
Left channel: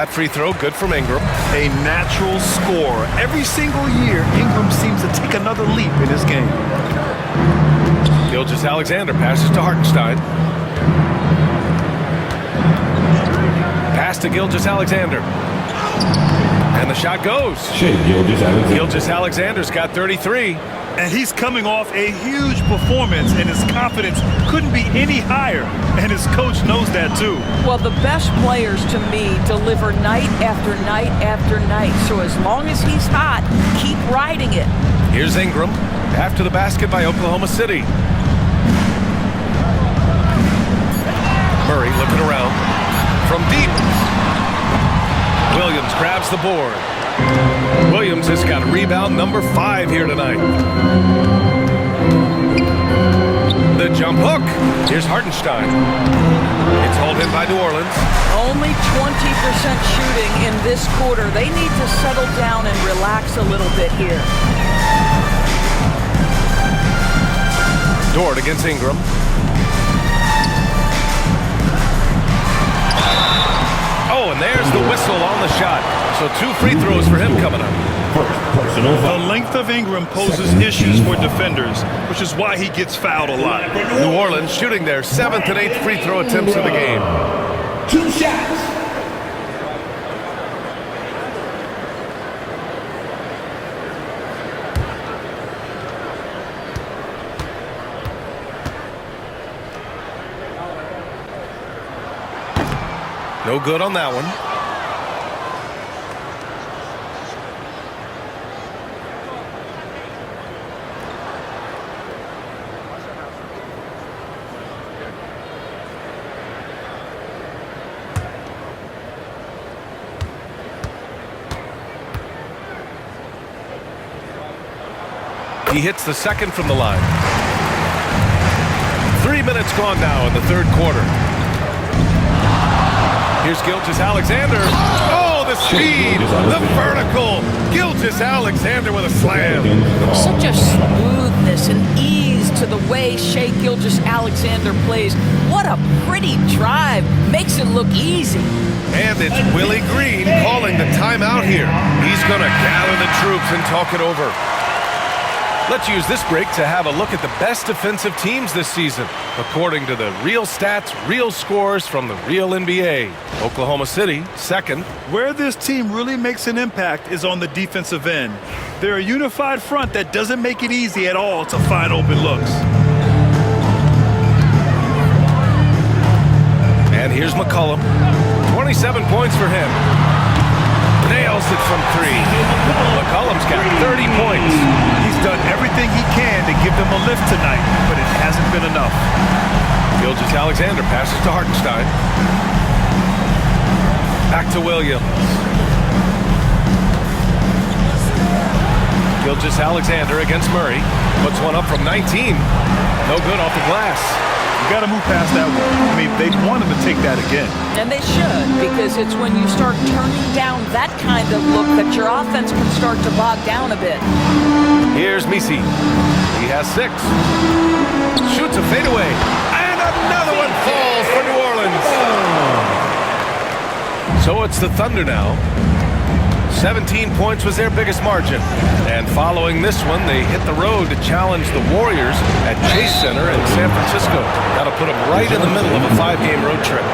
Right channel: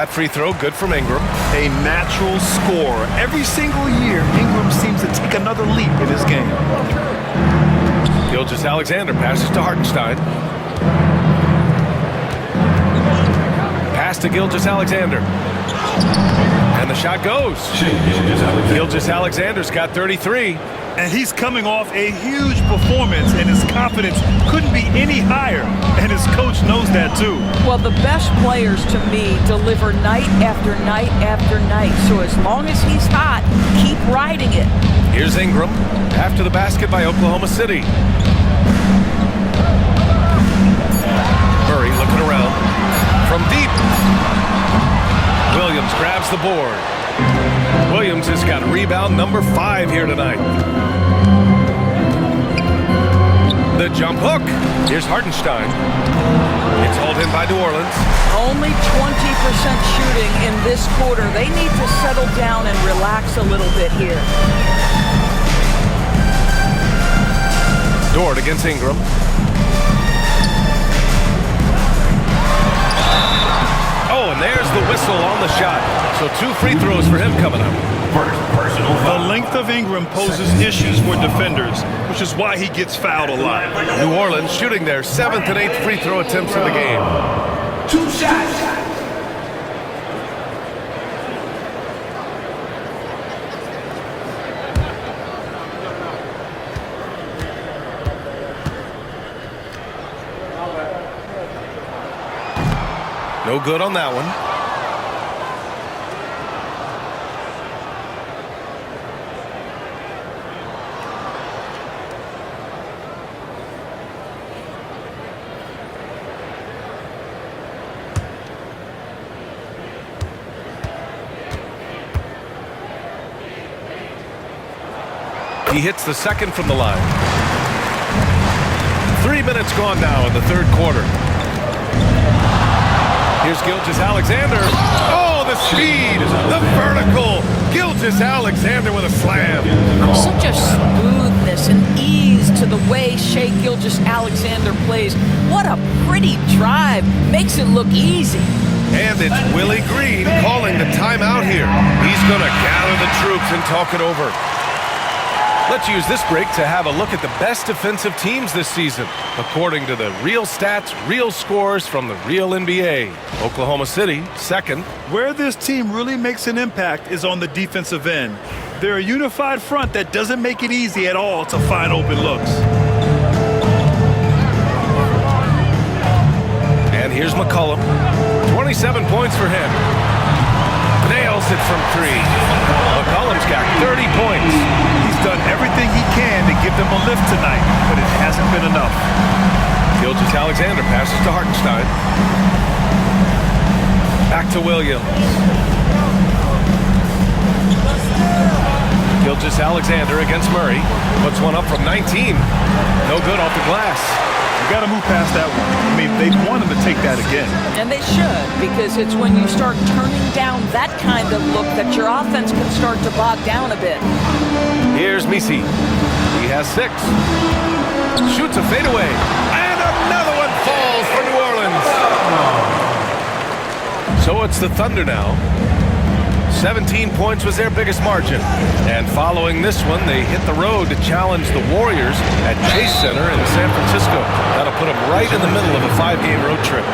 That free throw good from Ingram. A natural scorer. Every single year, Ingram seems to take another leap in his game. Gilgeous-Alexander passes to Hartenstein. Pass to Gilgeous-Alexander. And the shot goes. Gilgeous-Alexander's got 33. And he's coming off a huge performance, and his confidence couldn't be any higher. And his coach knows that, too. Well, the best players, to me, deliver night after night after night. So as long as he's hot, keep riding it. Here's Ingram. After the basket by Oklahoma City. Murray looking around. From deep. Williams grabs the board. Williams has got rebound number 5 here tonight. The jump hook. Here's Hartenstein. It's hauled in by New Orleans. Only 20% shooting in this quarter. They need to settle down and relax a little bit here. Dort against Ingram. Oh, and there's the whistle on the shot. So 2 free throws for him coming up. The length of Ingram poses issues for defenders, which is why he gets fouled a lot. New Orleans shooting their 7th and 8th free throw attempts of the game. 2 shots. No good on that one. He hits the second from the line. 3 minutes gone now in the third quarter. Here's Gilgeous-Alexander. Oh, the speed, the vertical. Gilgeous-Alexander with a slam. Such a smoothness and ease to the way Shai Gilgeous-Alexander plays. What a pretty drive. Makes it look easy. And it's Willie Green calling the timeout here. He's going to gather the troops and talk it over. Let's use this break to have a look at the best defensive teams this season, according to the real stats, real scores from the real NBA. Oklahoma City, 2nd. Where this team really makes an impact is on the defensive end. They're a unified front that doesn't make it easy at all to find open looks. And here's McCollum. 27 points for him. Nails it from 3. McCollum's got 30 points. He's done everything he can to give them a lift tonight, but it hasn't been enough. Gilgeous-Alexander passes to Hartenstein. Back to Williams. Gilgeous-Alexander against Murray. Puts one up from 19. No good off the glass. You got to move past that one. I mean, they'd want him to take that again. And they should, because it's when you start turning down that kind of look that your offense can start to bog down a bit. Here's Misi. He has 6. Shoots a fadeaway. And another one falls for New Orleans. So it's the Thunder now. 17 points was their biggest margin. And following this one, they hit the road to challenge the Warriors at Chase Center in San Francisco. That'll put them right in the middle of a 5-game road trip.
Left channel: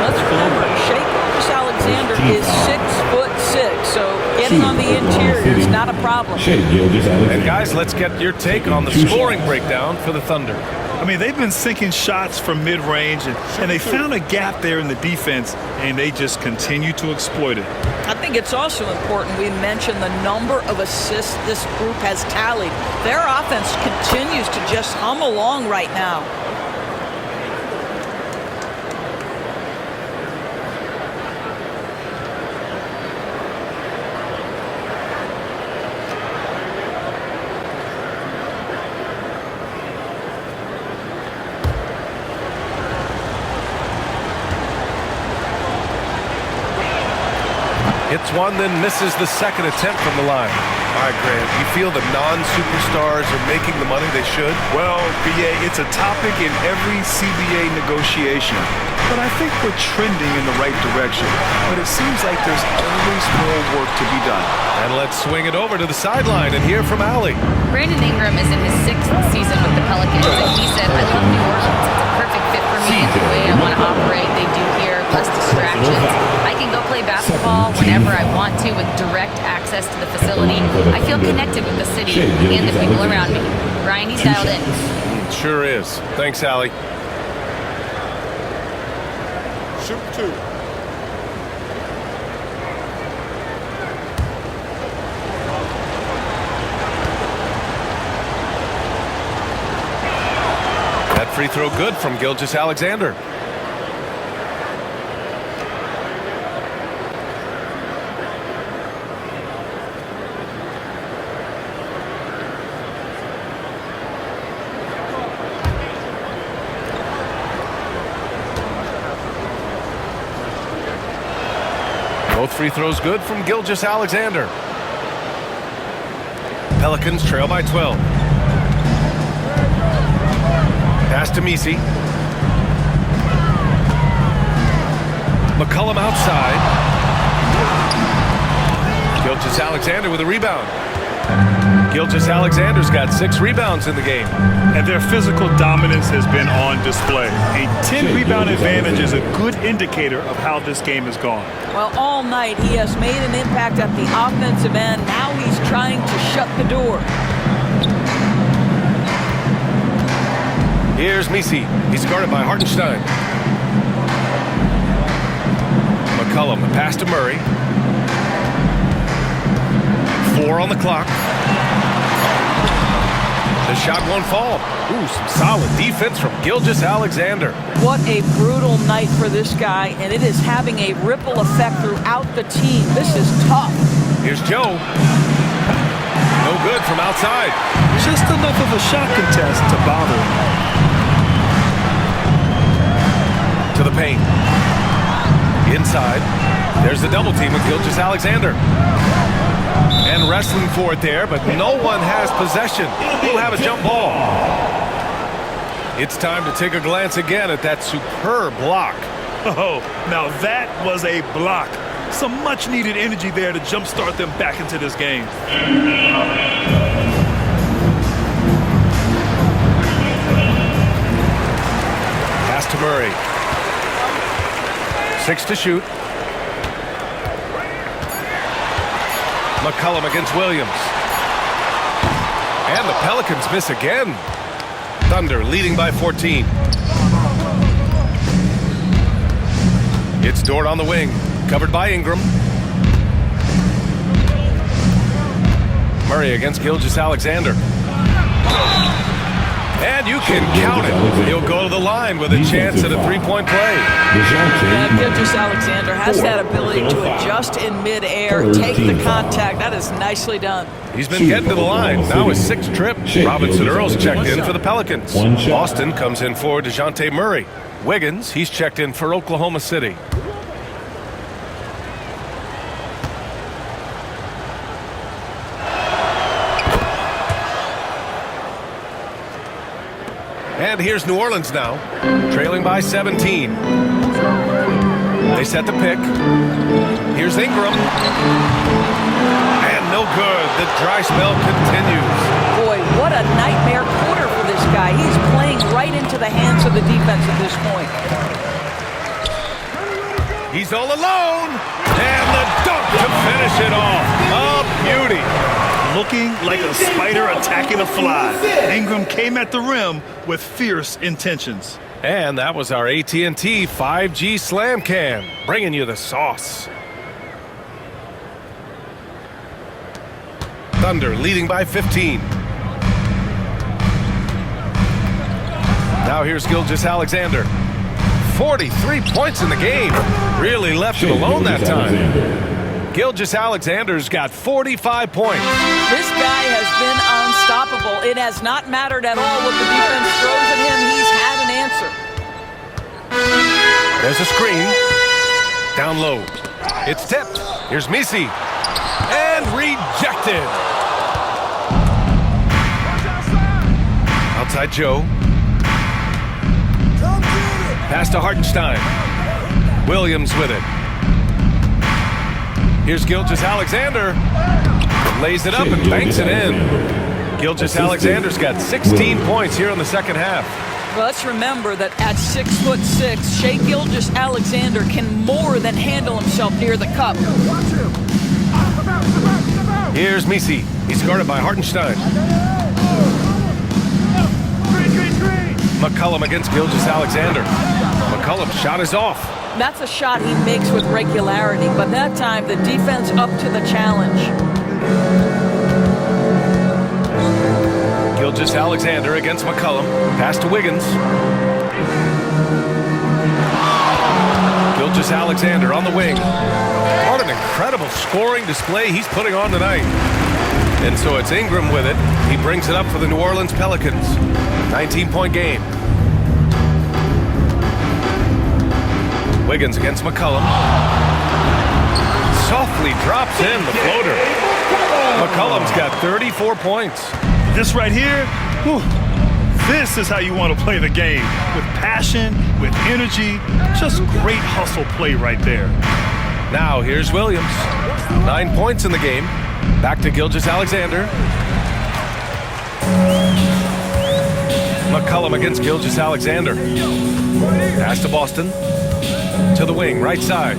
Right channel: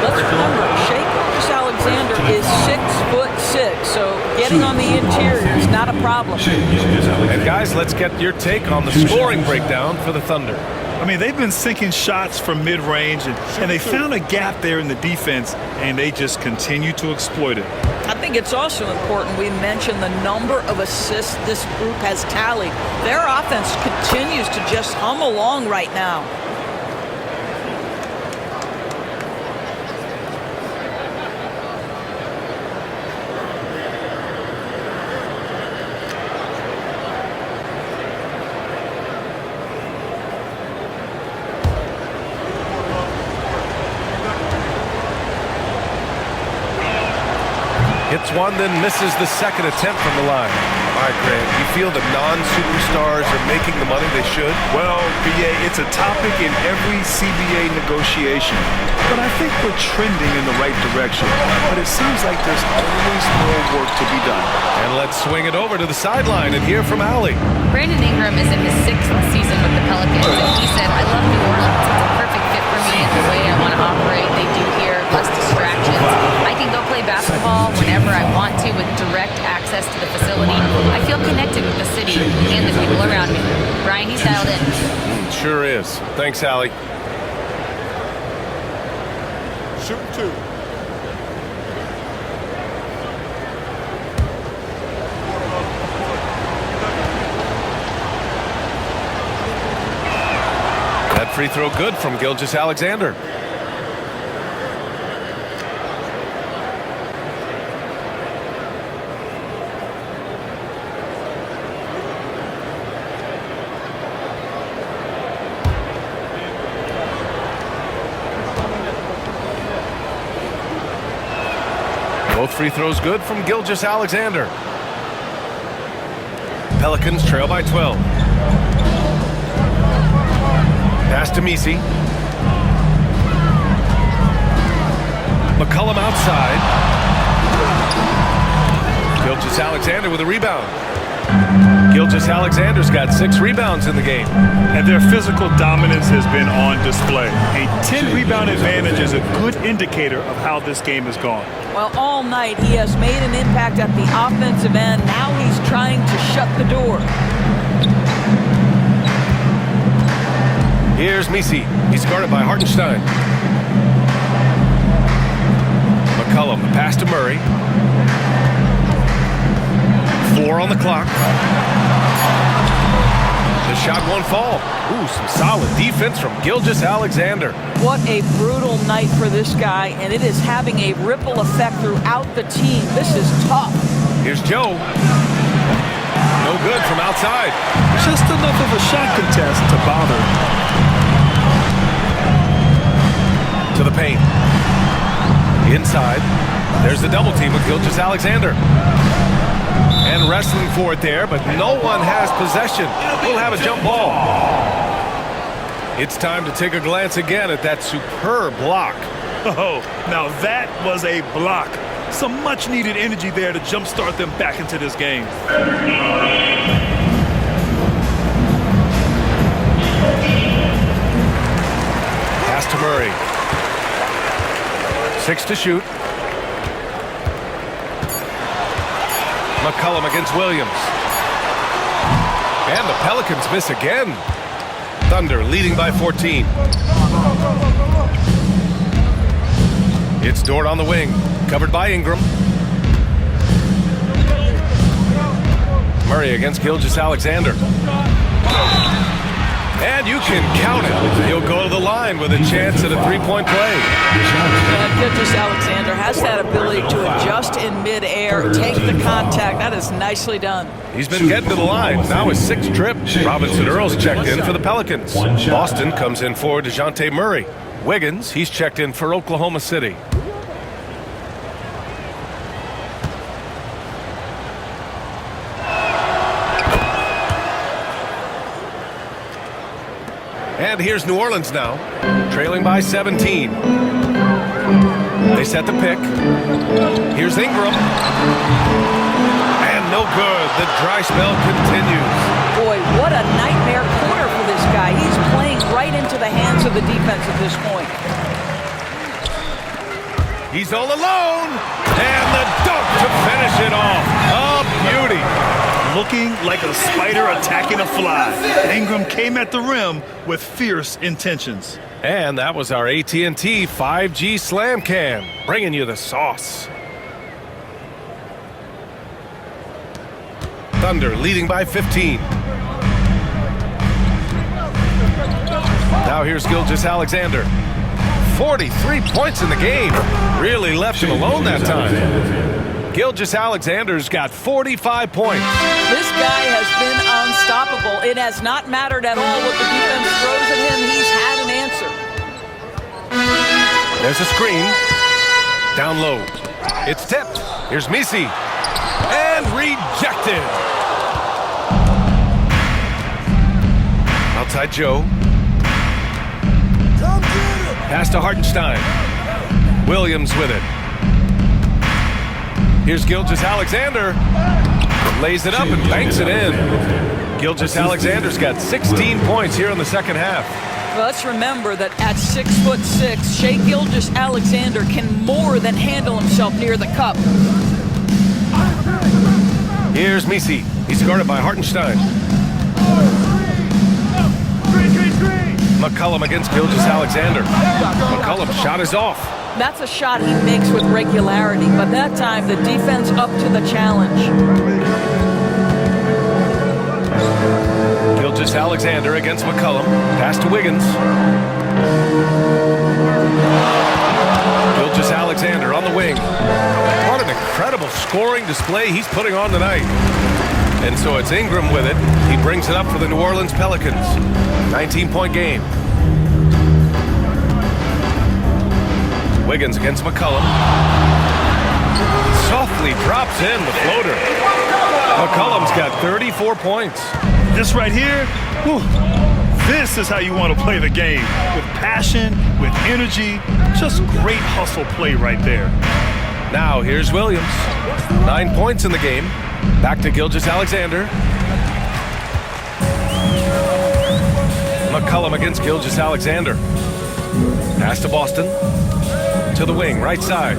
Let's remember, Shai Gilgeous-Alexander is 6'6", so getting on the interior is not a problem. And guys, let's get your take on the scoring breakdown for the Thunder. I mean, they've been sinking shots from mid-range, and they found a gap there in the defense, and they just continue to exploit it. I think it's also important we mention the number of assists this group has tallied. Their offense continues to just hum along right now. Hits one, then misses the second attempt from the line. All right, Grant, you feel the non-superstars are making the money they should? Well, BA, it's a topic in every CBA negotiation. But I think we're trending in the right direction. But it seems like there's always more work to be done. And let's swing it over to the sideline and hear from Allie. Brandon Ingram is in his 6th season with the Pelicans, and he said, I love New Orleans. It's a perfect fit for me and the way I want to operate. They do here, less distractions. I can go play basketball whenever I want to with direct access to the facility. I feel connected with the city and the people around me. Brian, he's dialed in. Sure is. Thanks, Allie. Shoot 2. That free throw good from Gilgeous-Alexander. Both free throws good from Gilgeous-Alexander. Pelicans trail by 12. Pass to Misi. McCollum outside. Gilgeous-Alexander with a rebound. Gilgeous-Alexander's got 6 rebounds in the game. And their physical dominance has been on display. A 10-rebound advantage is a good indicator of how this game has gone. Well, all night he has made an impact at the offensive end. Now he's trying to shut the door. Here's Misi. He's guarded by Hartenstein. McCollum, the pass to Murray. 4 on the clock. The shot won't fall. Ooh, some solid defense from Gilgeous-Alexander. What a brutal night for this guy, and it is having a ripple effect throughout the team. This is tough. Here's Joe. No good from outside. Just enough of a shot contest to bother. To the paint. Inside. There's the double team with Gilgeous-Alexander. And wrestling for it there, but no one has possession. We'll have a jump ball. It's time to take a glance again at that superb block. Oh, now that was a block. Some much-needed energy there to jumpstart them back into this game. Pass to Murray. 6 to shoot. McCollum against Williams. And the Pelicans miss again. Thunder leading by 14. It's Dort on the wing, covered by Ingram. Murray against Gilgeous-Alexander. And you can count it. He'll go to the line with a chance at a three-point play. Yeah, Gilgeous-Alexander has that ability to adjust in midair, take the contact. That is nicely done. He's been getting to the line. Now his 6th trip. Robinson Earl's checked in for the Pelicans. Boston comes in for DeJounte Murray. Wiggins, he's checked in for Oklahoma City. And here's New Orleans now, trailing by 17. They set the pick. Here's Ingram. And no good. The dry spell continues. Boy, what a nightmare quarter for this guy. He's playing right into the hands of the defense at this point. He's all alone. And the dunk to finish it off. A beauty. Looking like a spider attacking a fly. Ingram came at the rim with fierce intentions. And that was our AT&T 5G Slam Cam, bringing you the sauce. Thunder leading by 15. Now here's Gilgeous-Alexander. 43 points in the game. Really left him alone that time. Gilgeous-Alexander's got 45 points. This guy has been unstoppable. It has not mattered at all what the defense throws at him. He's had an answer. There's a screen. Down low. It's tipped. Here's Misi. And rejected. Outside Joe. Pass to Hartenstein. Williams with it. Here's Gilgeous-Alexander. Lays it up and banks it in. Gilgeous-Alexander's got 16 points here in the second half. Well, let's remember that at 6'6", Shai Gilgeous-Alexander can more than handle himself near the cup. Here's Misi. He's guarded by Hartenstein. McCollum against Gilgeous-Alexander. McCollum's shot is off. That's a shot he makes with regularity, but that time the defense up to the challenge. Gilgeous-Alexander against McCollum. Pass to Wiggins. Gilgeous-Alexander on the wing. What an incredible scoring display he's putting on tonight. And so it's Ingram with it. He brings it up for the New Orleans Pelicans. 19-point game. Wiggins against McCollum. Softly drops in the floater. McCollum's got 34 points. This right here, whew, this is how you want to play the game. With passion, with energy, just great hustle play right there. Now here's Williams. 9 points in the game. Back to Gilgeous-Alexander. McCollum against Gilgeous-Alexander. Pass to Boston. To the wing, right side.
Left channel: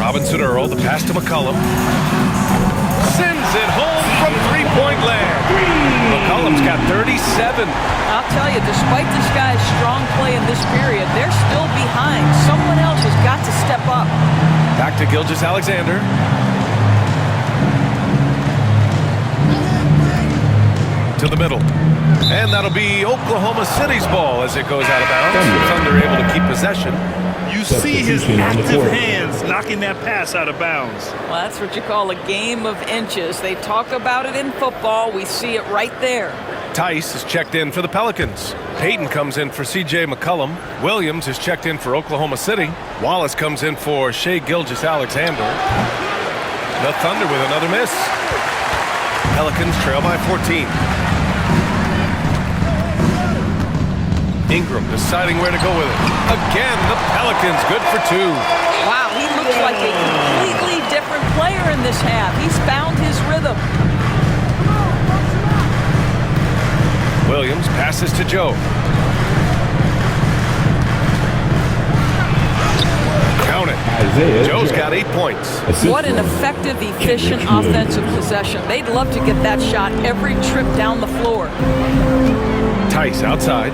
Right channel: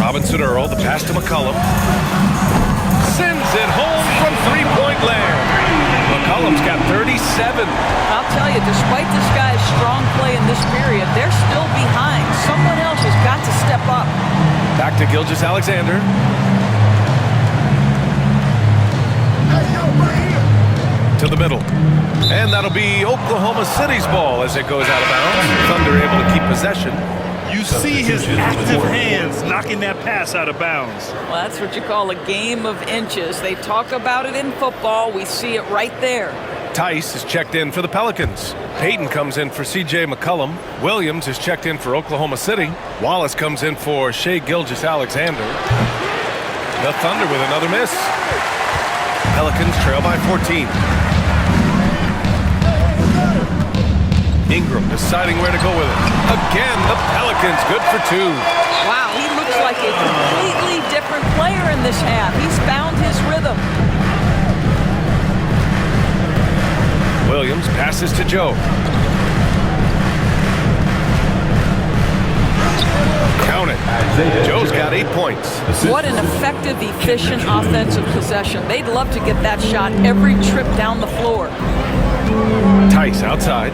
Robinson Earl, the pass to McCollum. Sends it home from three-point land. McCollum's got 37. I'll tell you, despite this guy's strong play in this period, they're still behind. Someone else has got to step up. Back to Gilgeous-Alexander. To the middle. And that'll be Oklahoma City's ball as it goes out of bounds. Thunder able to keep possession. You see his active hands knocking that pass out of bounds. Well, that's what you call a game of inches. They talk about it in football. We see it right there. Tice is checked in for the Pelicans. Payton comes in for C.J. McCollum. Williams is checked in for Oklahoma City. Wallace comes in for Shai Gilgeous-Alexander. The Thunder with another miss. Pelicans trail by 14. Ingram deciding where to go with it. Again, the Pelicans good for 2. Wow, he looks like a completely different player in this half. He's found his rhythm. Williams passes to Joe. Count it. Joe's got 8 points. What an effective, efficient offensive possession. They'd love to get that shot every trip down the floor. Tice outside.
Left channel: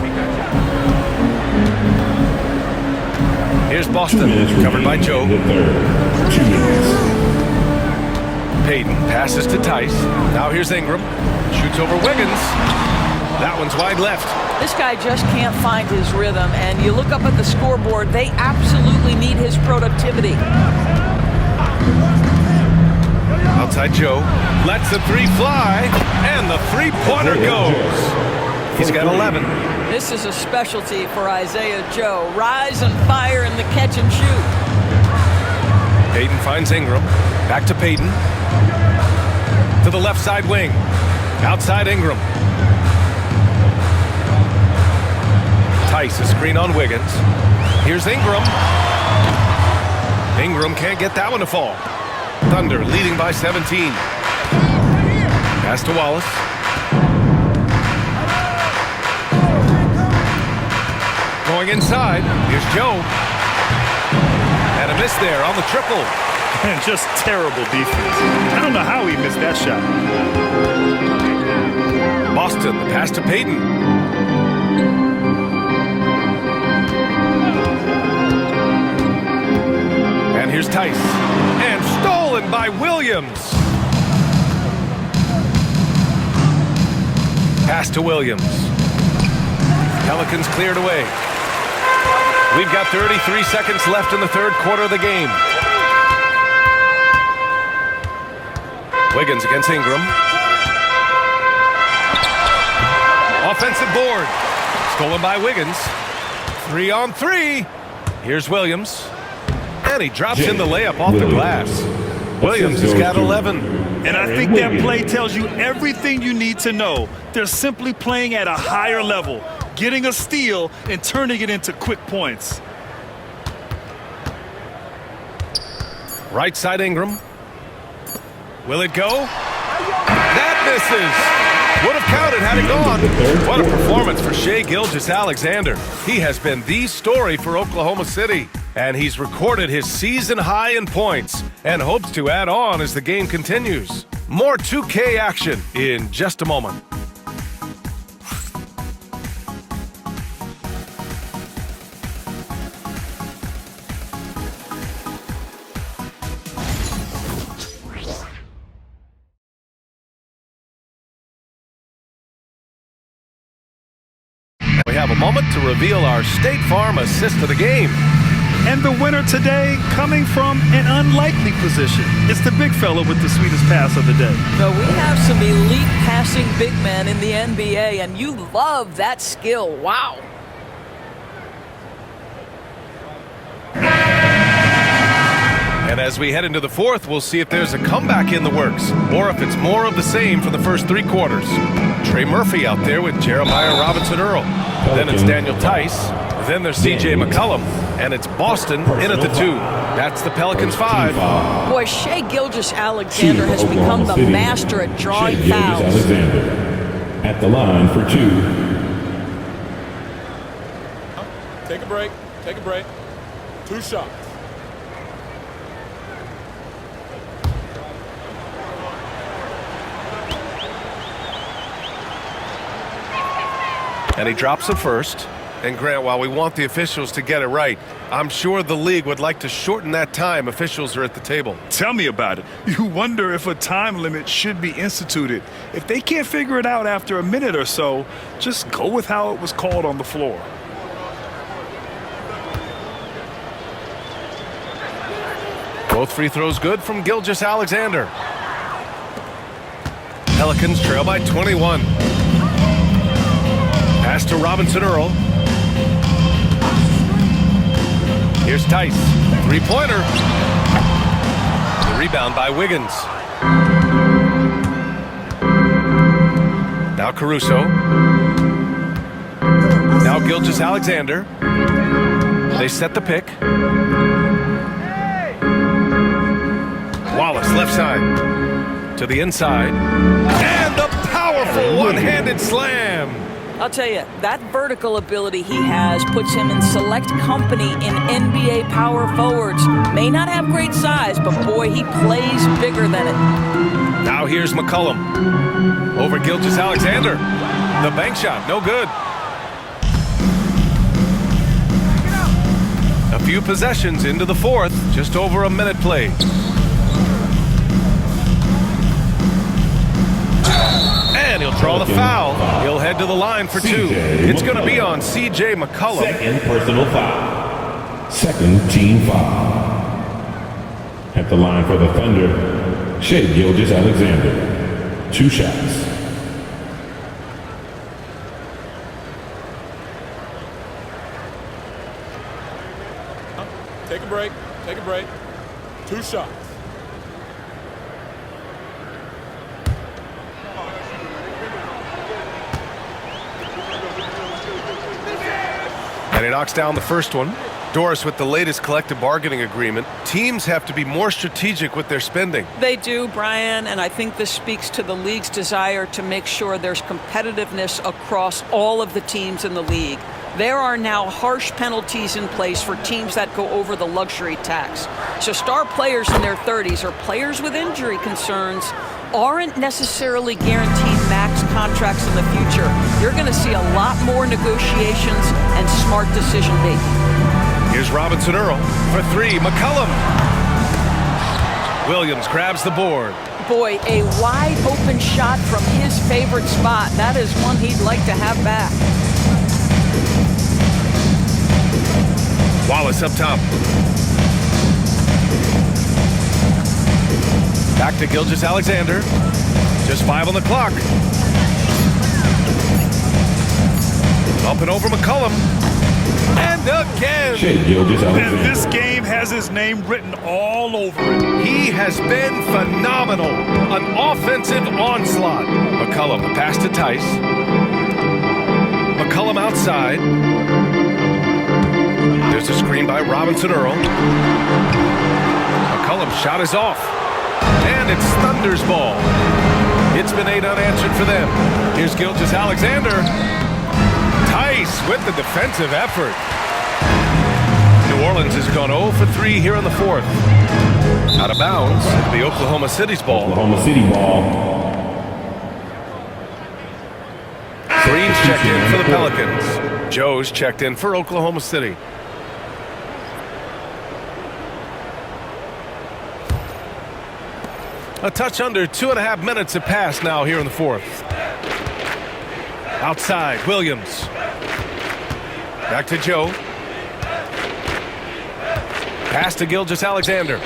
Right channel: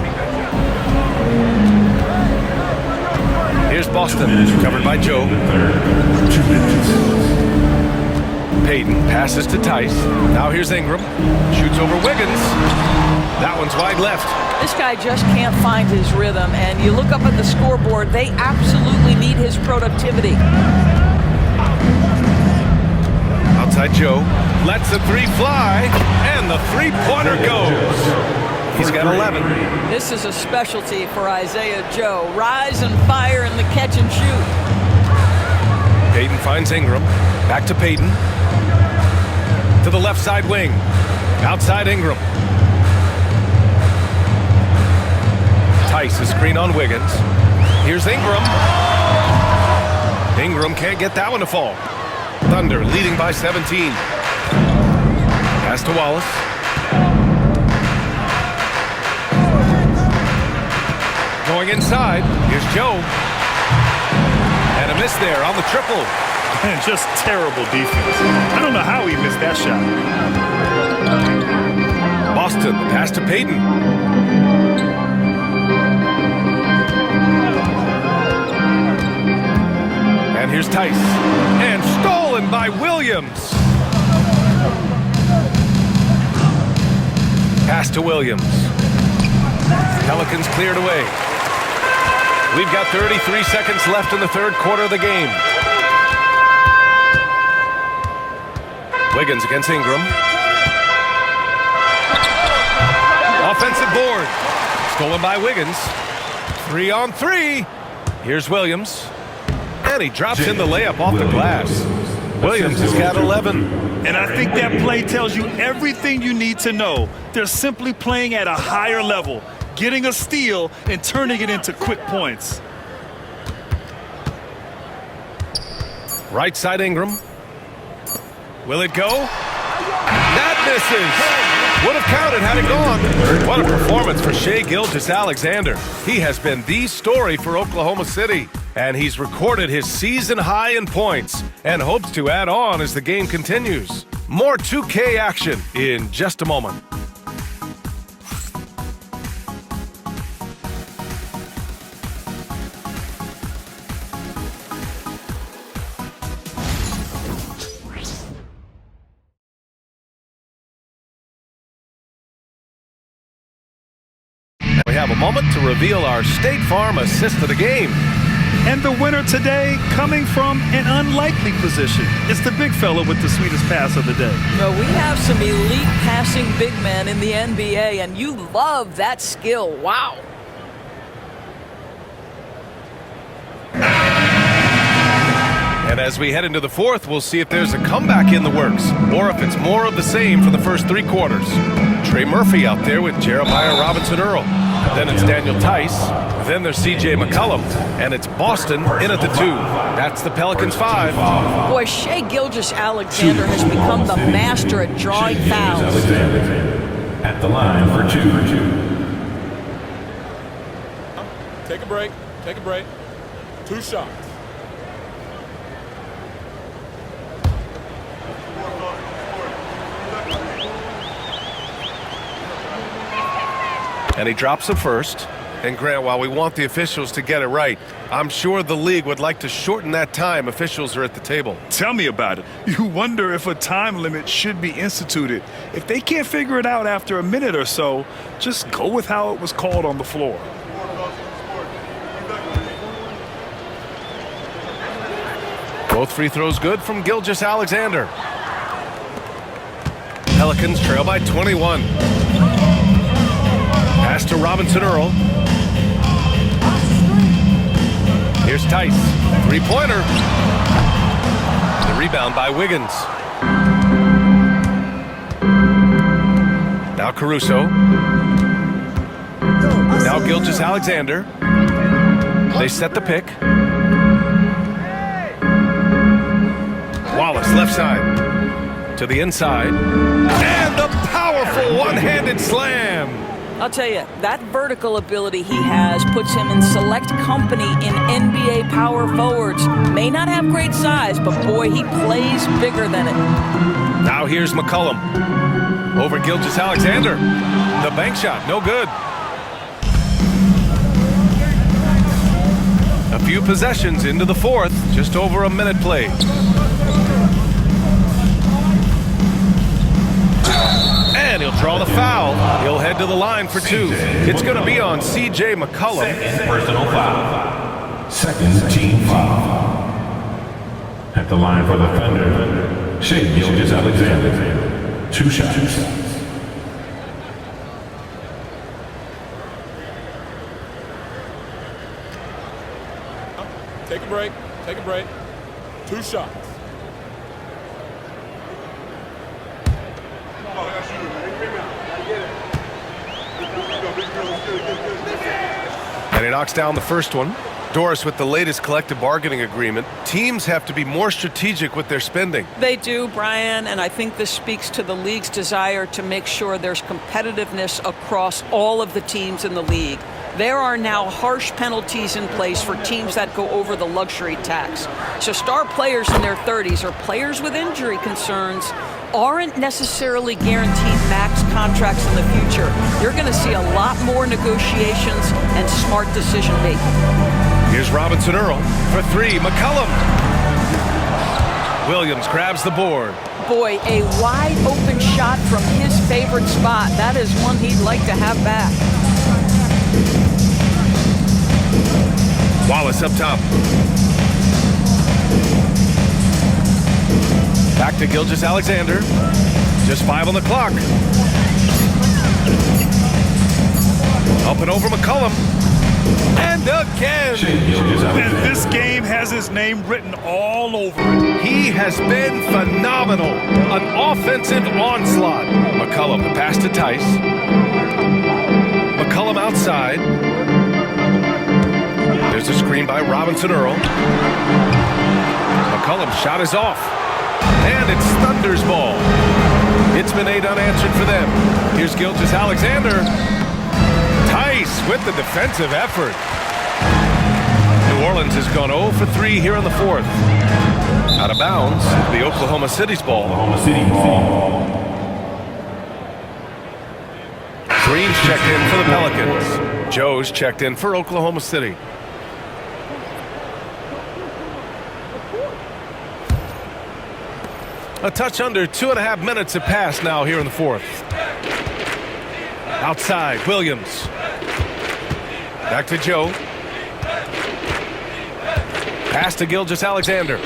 Here's Boston, covered by Joe. Payton passes to Tice. Now here's Ingram. Shoots over Wiggins. That one's wide left. This guy just can't find his rhythm, and you look up at the scoreboard, they absolutely need his productivity. Outside Joe. Lets the three fly, and the three-pointer goes. He's got 11. This is a specialty for Isaiah Joe. Rise and fire in the catch and shoot. Payton finds Ingram. Back to Payton. To the left side wing. Outside Ingram. Tice is screen on Wiggins. Here's Ingram. Ingram can't get that one to fall. Thunder leading by 17. Pass to Wallace. Going inside, here's Joe. And a miss there on the triple. And just terrible defense. I don't know how he missed that shot. Boston, the pass to Payton. And here's Tice. And stolen by Williams. Pass to Williams. Pelicans cleared away. We've got 33 seconds left in the third quarter of the game. Wiggins against Ingram. Offensive board. Stolen by Wiggins. 3 on 3. Here's Williams. And he drops in the layup off the glass. Williams has got 11. And I think that play tells you everything you need to know. They're simply playing at a higher level, getting a steal and turning it into quick points. Right side Ingram. Will it go? That misses. Would have counted had it gone. What a performance for Shai Gilgeous-Alexander. He has been the story for Oklahoma City. And he's recorded his season high in points and hopes to add on as the game continues. More 2K action in just a moment. We have a moment to reveal our State Farm assist of the game. And the winner today coming from an unlikely position. It's the big fella with the sweetest pass of the day. No, we have some elite passing big men in the NBA, and you love that skill. Wow. And as we head into the fourth, we'll see if there's a comeback in the works or if it's more of the same from the first 3 quarters. Trey Murphy out there with Jeremiah Robinson-Earl. Then it's Daniel Tice. Then there's C.J. McCollum, and it's Boston in at the 2. That's the Pelicans 5. Boy, Shai Gilgeous-Alexander has become the master at drawing fouls. At the line for 2. Take a break. Take a break. 2 shots. And he drops it first. And Grant, while we want the officials to get it right, I'm sure the league would like to shorten that time officials are at the table. Tell me about it. You wonder if a time limit should be instituted. If they can't figure it out after a minute or so, just go with how it was called on the floor. Both free throws good from Gilgeous-Alexander. Pelicans trail by 21. Pass to Robinson-Earl. Here's Tice. 3-pointer. The rebound by Wiggins. Now Caruso. Now Gilgeous-Alexander. They set the pick. Wallace left side. To the inside. And the powerful one-handed slam. I'll tell you, that vertical ability he has puts him in select company in NBA power forwards. May not have great size, but boy, he plays bigger than it. Now here's McCollum. Over Gilgeous-Alexander. The bank shot, no good. A few possessions into the fourth, just over a minute played. And he'll draw the foul. He'll head to the line for 2. It's going to be on C.J. McCollum. Second personal foul. Second team foul. At the line for the Thunder, Shai Gilgeous-Alexander. 2 shots. Take a break. Take a break. 2 shots. And he knocks down the first one. Doris, with the latest collective bargaining agreement, teams have to be more strategic with their spending. They do, Brian, and I think this speaks to the league's desire to make sure there's competitiveness across all of the teams in the league. There are now harsh penalties in place for teams that go over the luxury tax. So star players in their 30s or players with injury concerns aren't necessarily guaranteed max contracts in the future. You're going to see a lot more negotiations and smart decision making. Here's Robinson-Earl for 3. McCollum. Williams grabs the board. Boy, a wide open shot from his favorite spot. That is one he'd like to have back. Wallace up top. Back to Gilgeous-Alexander. Just 5 on the clock. Up and over McCollum. And again. Shea Gilgeous-Alexander. This game has his name written all over it. He has been phenomenal. An offensive onslaught. McCollum, the pass to Tice. McCollum outside. There's a screen by Robinson Earl. McCollum's shot is off. And it's Thunder's ball. It's been 8 unanswered for them. Here's Gilgeous-Alexander. Tice with the defensive effort. New Orleans has gone 0 for 3 here in the fourth. Out of bounds, it'll be Oklahoma City's ball. Oklahoma City ball. Green's checked in for the Pelicans. Joe's checked in for Oklahoma City. A touch under 2.5 minutes have passed now here in the fourth. Outside, Williams. Back to Joe. Pass to Gilgeous-Alexander.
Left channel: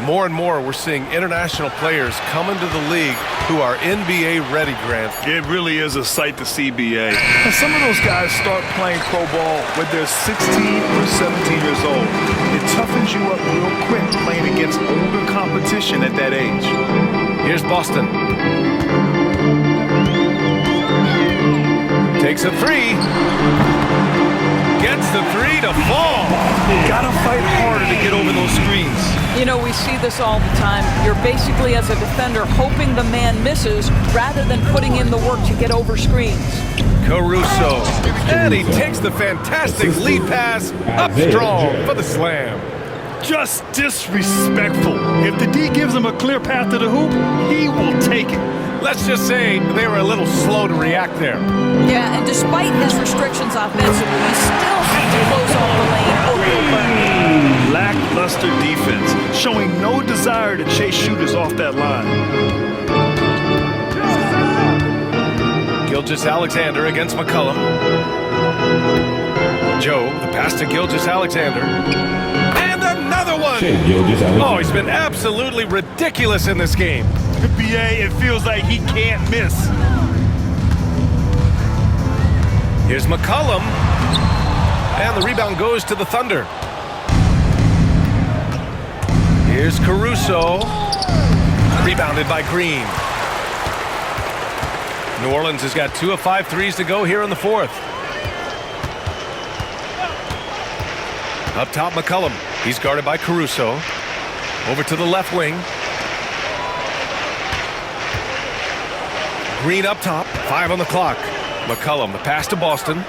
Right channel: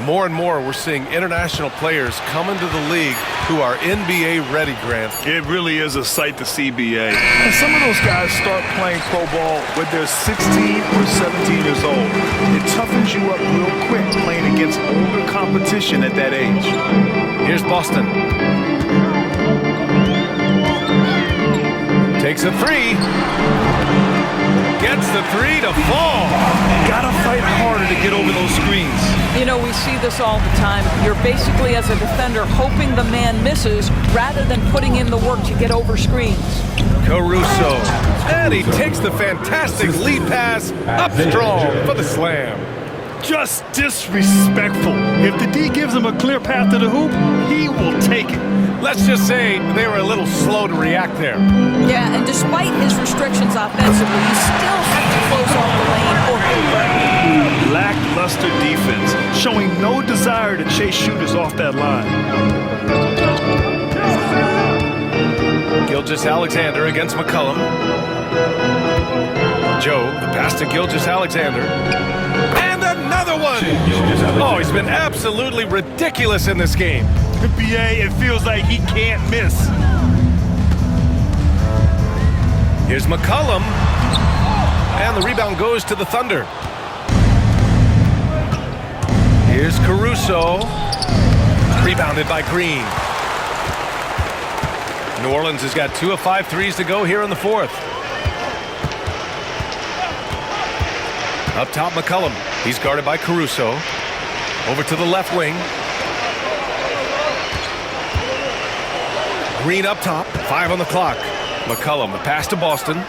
More and more we're seeing international players come into the league who are NBA ready, Grant. It really is a sight to see, BA. And some of those guys start playing pro ball when they're 16 or 17 years old. It toughens you up real quick playing against older competition at that age. Here's Boston. Takes a 3. Gets the 3 to fall. Gotta fight harder to get over those screens. You know, we see this all the time. You're basically, as a defender, hoping the man misses rather than putting in the work to get over screens. Caruso. And he takes the fantastic lead pass up strong for the slam. Just disrespectful. If the D gives him a clear path to the hoop, he will take it. Let's just say they were a little slow to react there. Yeah, and despite his restrictions offensively, you still have to close off the lane or he'll burn. Lackluster defense, showing no desire to chase shooters off that line. Gilgeous-Alexander against McCollum. Joe, the pass to Gilgeous-Alexander. And another one! Oh, he's been absolutely ridiculous in this game. BA, it feels like he can't miss. Here's McCollum. And the rebound goes to the Thunder. Here's Caruso. Rebounded by Green. New Orleans has got 2 of 5 threes to go here in the fourth. Up top, McCollum. He's guarded by Caruso. Over to the left wing. Green up top, 5 on the clock. McCollum, the pass to Boston.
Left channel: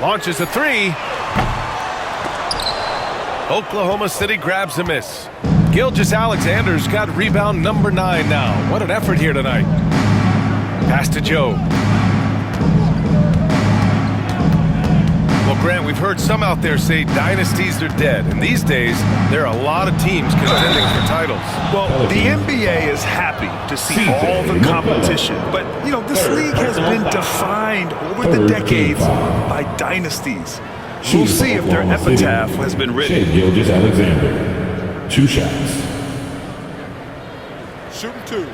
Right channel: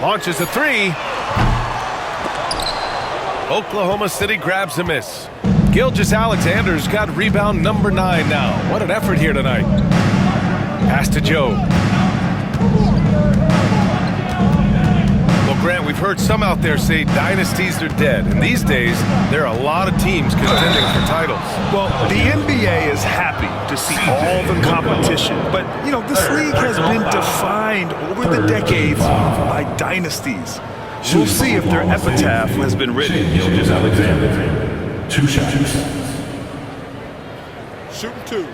Launches a 3. Oklahoma City grabs a miss. Gilgeous-Alexander's got rebound number 9 now. What an effort here tonight. Pass to Joe. Well, Grant, we've heard some out there say dynasties are dead. And these days, there are a lot of teams contending for titles. Well, the NBA is happy to see all the competition. But, you know, this league has been defined over the decades by dynasties. We'll see if their epitaph has been written. Gilgeous-Alexander. 2 shots. Shooting 2.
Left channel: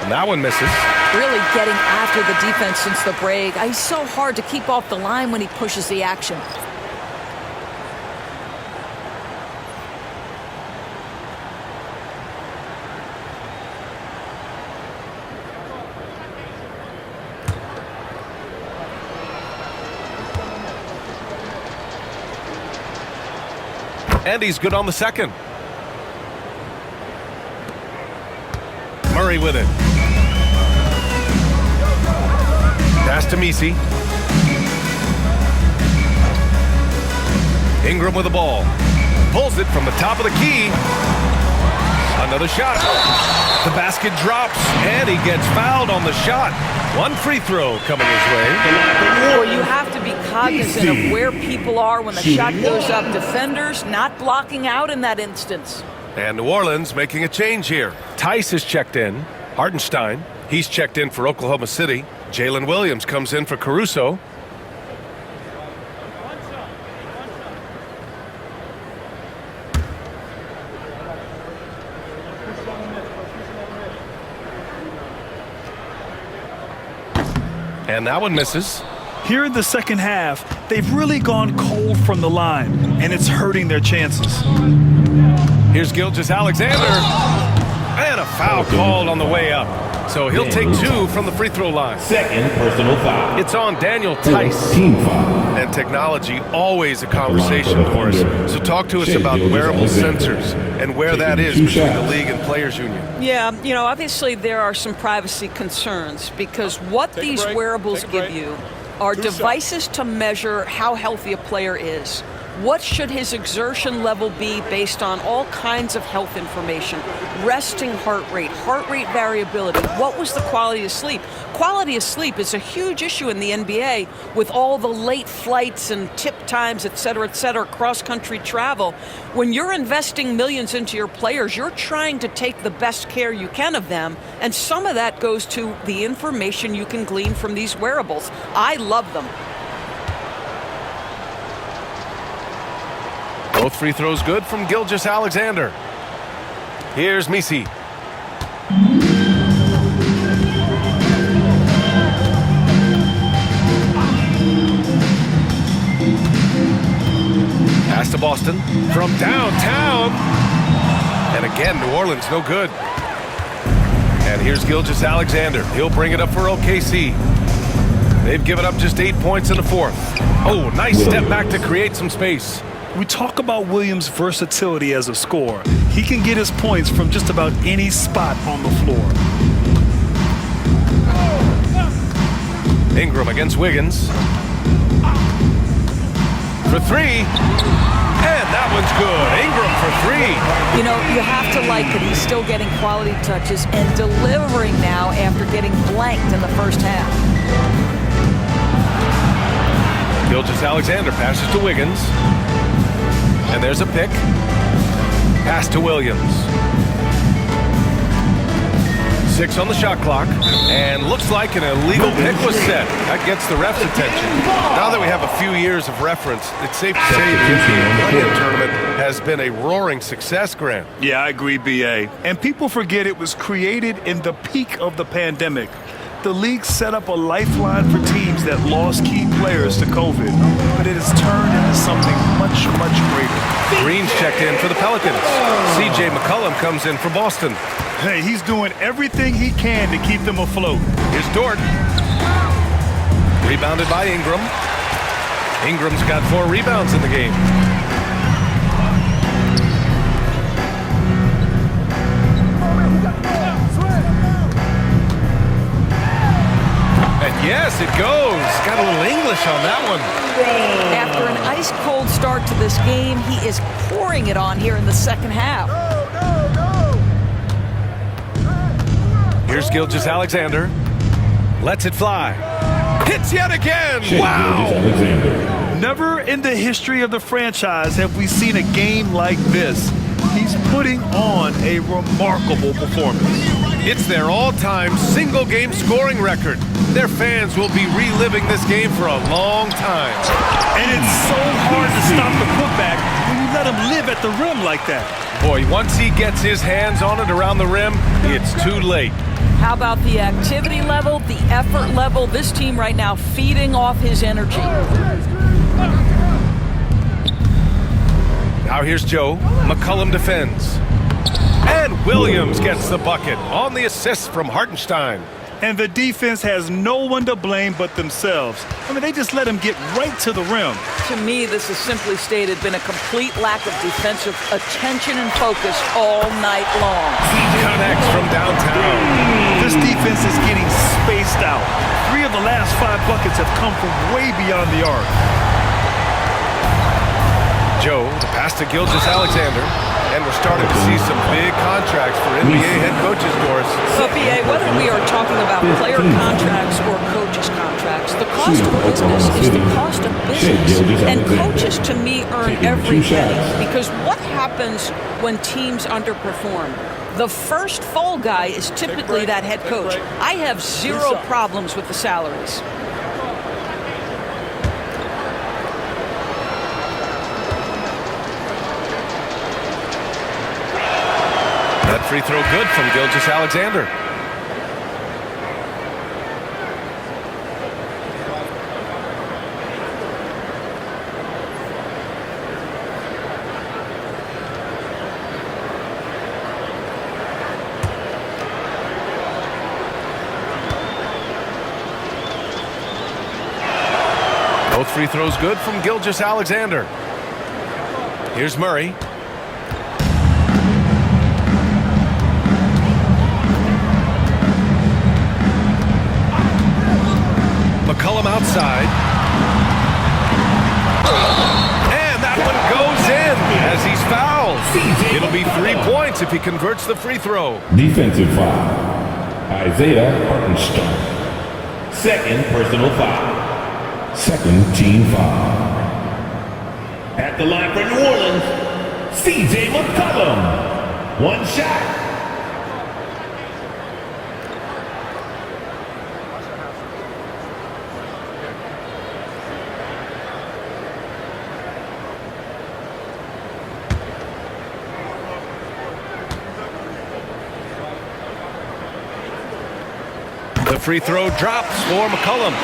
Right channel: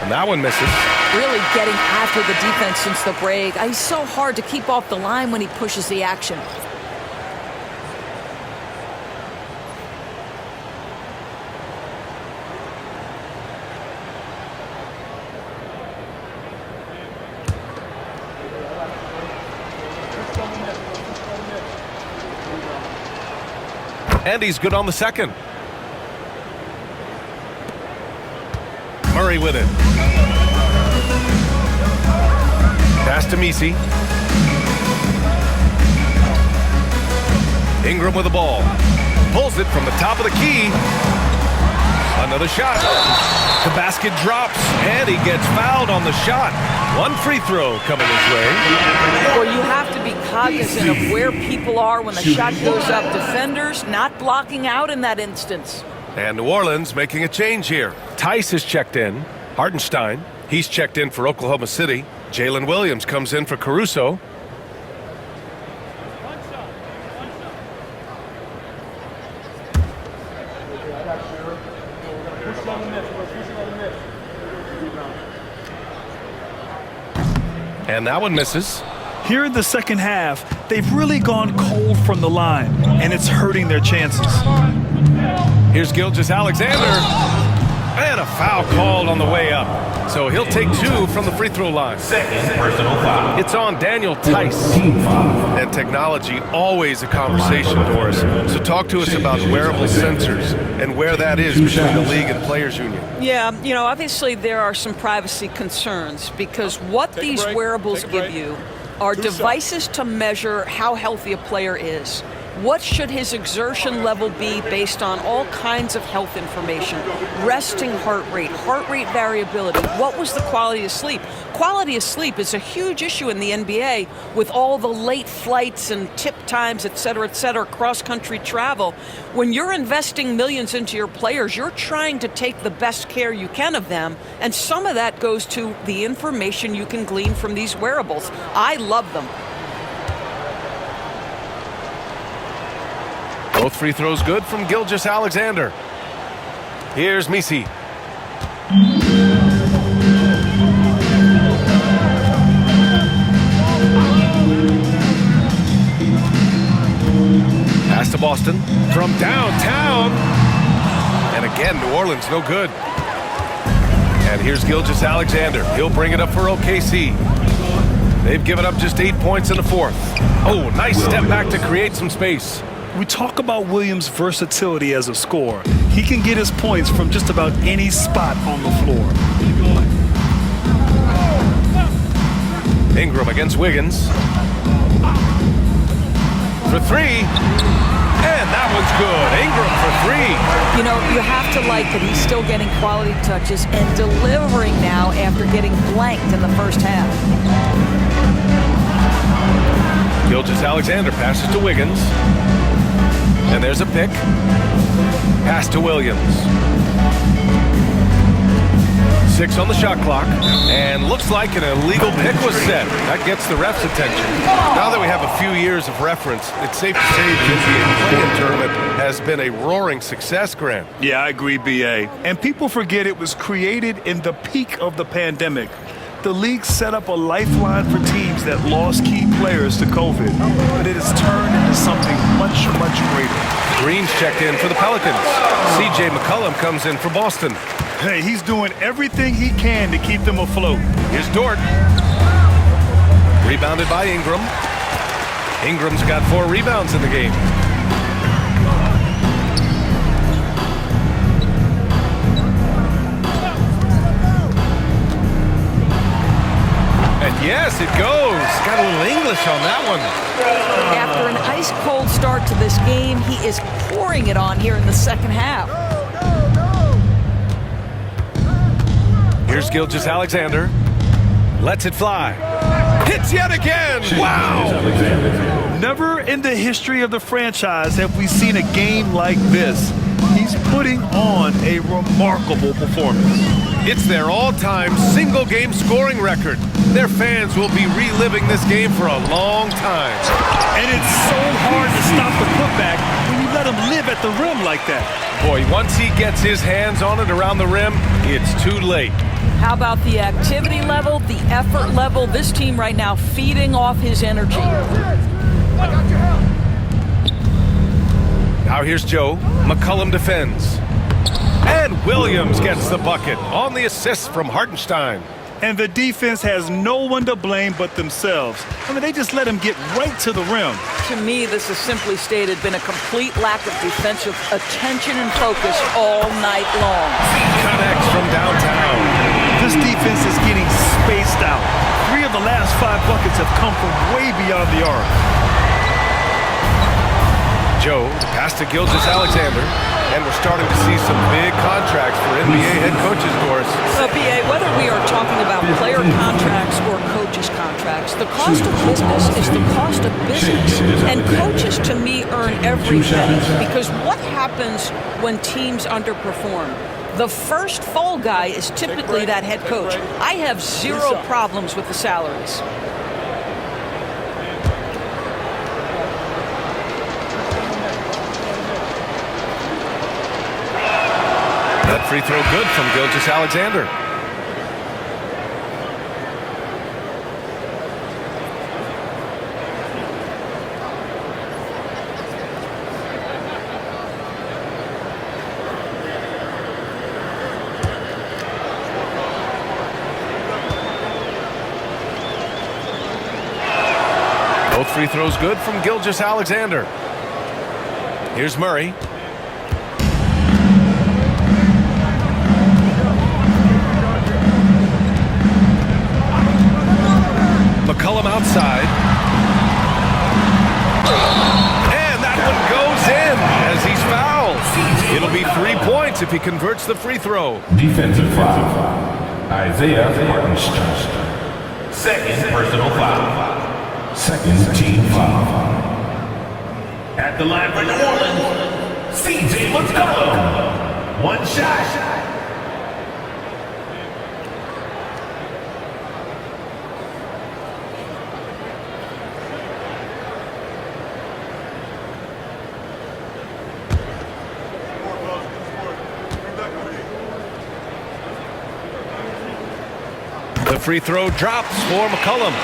And that one misses. Really getting after the defense since the break. He's so hard to keep off the line when he pushes the action. And he's good on the second. Murray with it. Pass to Misi. Ingram with the ball. Pulls it from the top of the key. Another shot. The basket drops, and he gets fouled on the shot. 1 free throw coming his way. Well, you have to be cognizant of where people are when the shot goes up. Defenders not blocking out in that instance. And New Orleans making a change here. Tice is checked in. Hartenstein, he's checked in for Oklahoma City. Jalen Williams comes in for Caruso. And that one misses. Here in the second half, they've really gone cold from the line, and it's hurting their chances. Here's Gilgeous-Alexander. And a foul called on the way up. So he'll take 2 from the free throw line. Second personal foul. It's on Daniel Tice. Team foul. And technology, always a conversation, Doris. So talk to us about wearable sensors and where that is between the league and players union. Yeah, you know, obviously there are some privacy concerns because what these wearables give you are devices to measure how healthy a player is. What should his exertion level be based on all kinds of health information? Resting heart rate variability. What was the quality of sleep? Quality of sleep is a huge issue in the NBA with all the late flights and tip times, et cetera, cross-country travel. When you're investing millions into your players, you're trying to take the best care you can of them, and some of that goes to the information you can glean from these wearables. I love them. Both free throws good from Gilgeous-Alexander. Here's Misi. Pass to Boston from downtown. And again, New Orleans, no good. And here's Gilgeous-Alexander. He'll bring it up for OKC. They've given up just 8 points in the fourth. Oh, nice step back to create some space. We talk about Williams' versatility as a scorer. He can get his points from just about any spot on the floor. Ingram against Wiggins. For 3. And that one's good. Ingram for 3. You know, you have to like that he's still getting quality touches and delivering now after getting blanked in the first half. Gilgeous-Alexander passes to Wiggins. And there's a pick. Pass to Williams. 6 on the shot clock. And looks like an illegal pick was set. That gets the ref's attention. Now that we have a few years of reference, it's safe to say the NBA play-in tournament has been a roaring success, Grant. Yeah, I agree, B.A. And people forget it was created in the peak of the pandemic. The league set up a lifeline for teams that lost key players to COVID, but it has turned into something much, much greater. Green's checked in for the Pelicans. C.J. McCollum comes in for Boston. Hey, he's doing everything he can to keep them afloat. Here's Dort. Rebounded by Ingram. Ingram's got 4 rebounds in the game. And yes, it goes. Got a little English on that one. After an ice-cold start to this game, he is pouring it on here in the second half. Here's Gilgeous-Alexander. Lets it fly. Hits yet again. Wow. Never in the history of the franchise have we seen a game like this. He's putting on a remarkable performance. It's their all-time single-game scoring record. Their fans will be reliving this game for a long time. And it's so hard to stop the putback when you let him live at the rim like that. Boy, once he gets his hands on it around the rim, it's too late. How about the activity level, the effort level? This team right now feeding off his energy. Now here's Joe. McCollum defends. And Williams gets the bucket on the assist from Hartenstein. And the defense has no one to blame but themselves. I mean, they just let him get right to the rim. To me, this has simply stated been a complete lack of defensive attention and focus all night long. Connects from downtown. This defense is getting spaced out. 3 of the last 5 buckets have come from way beyond the arc. Joe, the pass to Gilgeous-Alexander. And we're starting to see some big contracts for NBA head coaches, Doris. Well, BA, whether we are talking about player contracts or coaches' contracts, the cost of business is the cost of business. And coaches, to me, earn every penny. Because what happens when teams underperform? The first fall guy is typically that head coach. I have 0 problems with the salaries. That free throw good from Gilgeous-Alexander. Both free throws good from Gilgeous-Alexander. Here's Murray. McCollum outside. And that one goes in as he's fouled. It'll be 3 points if he converts the free throw. Defensive foul. Isaiah Hartenstein. Second personal foul. Second team foul. At the line for New Orleans, CJ McCollum. One shot. The free throw drops for McCollum.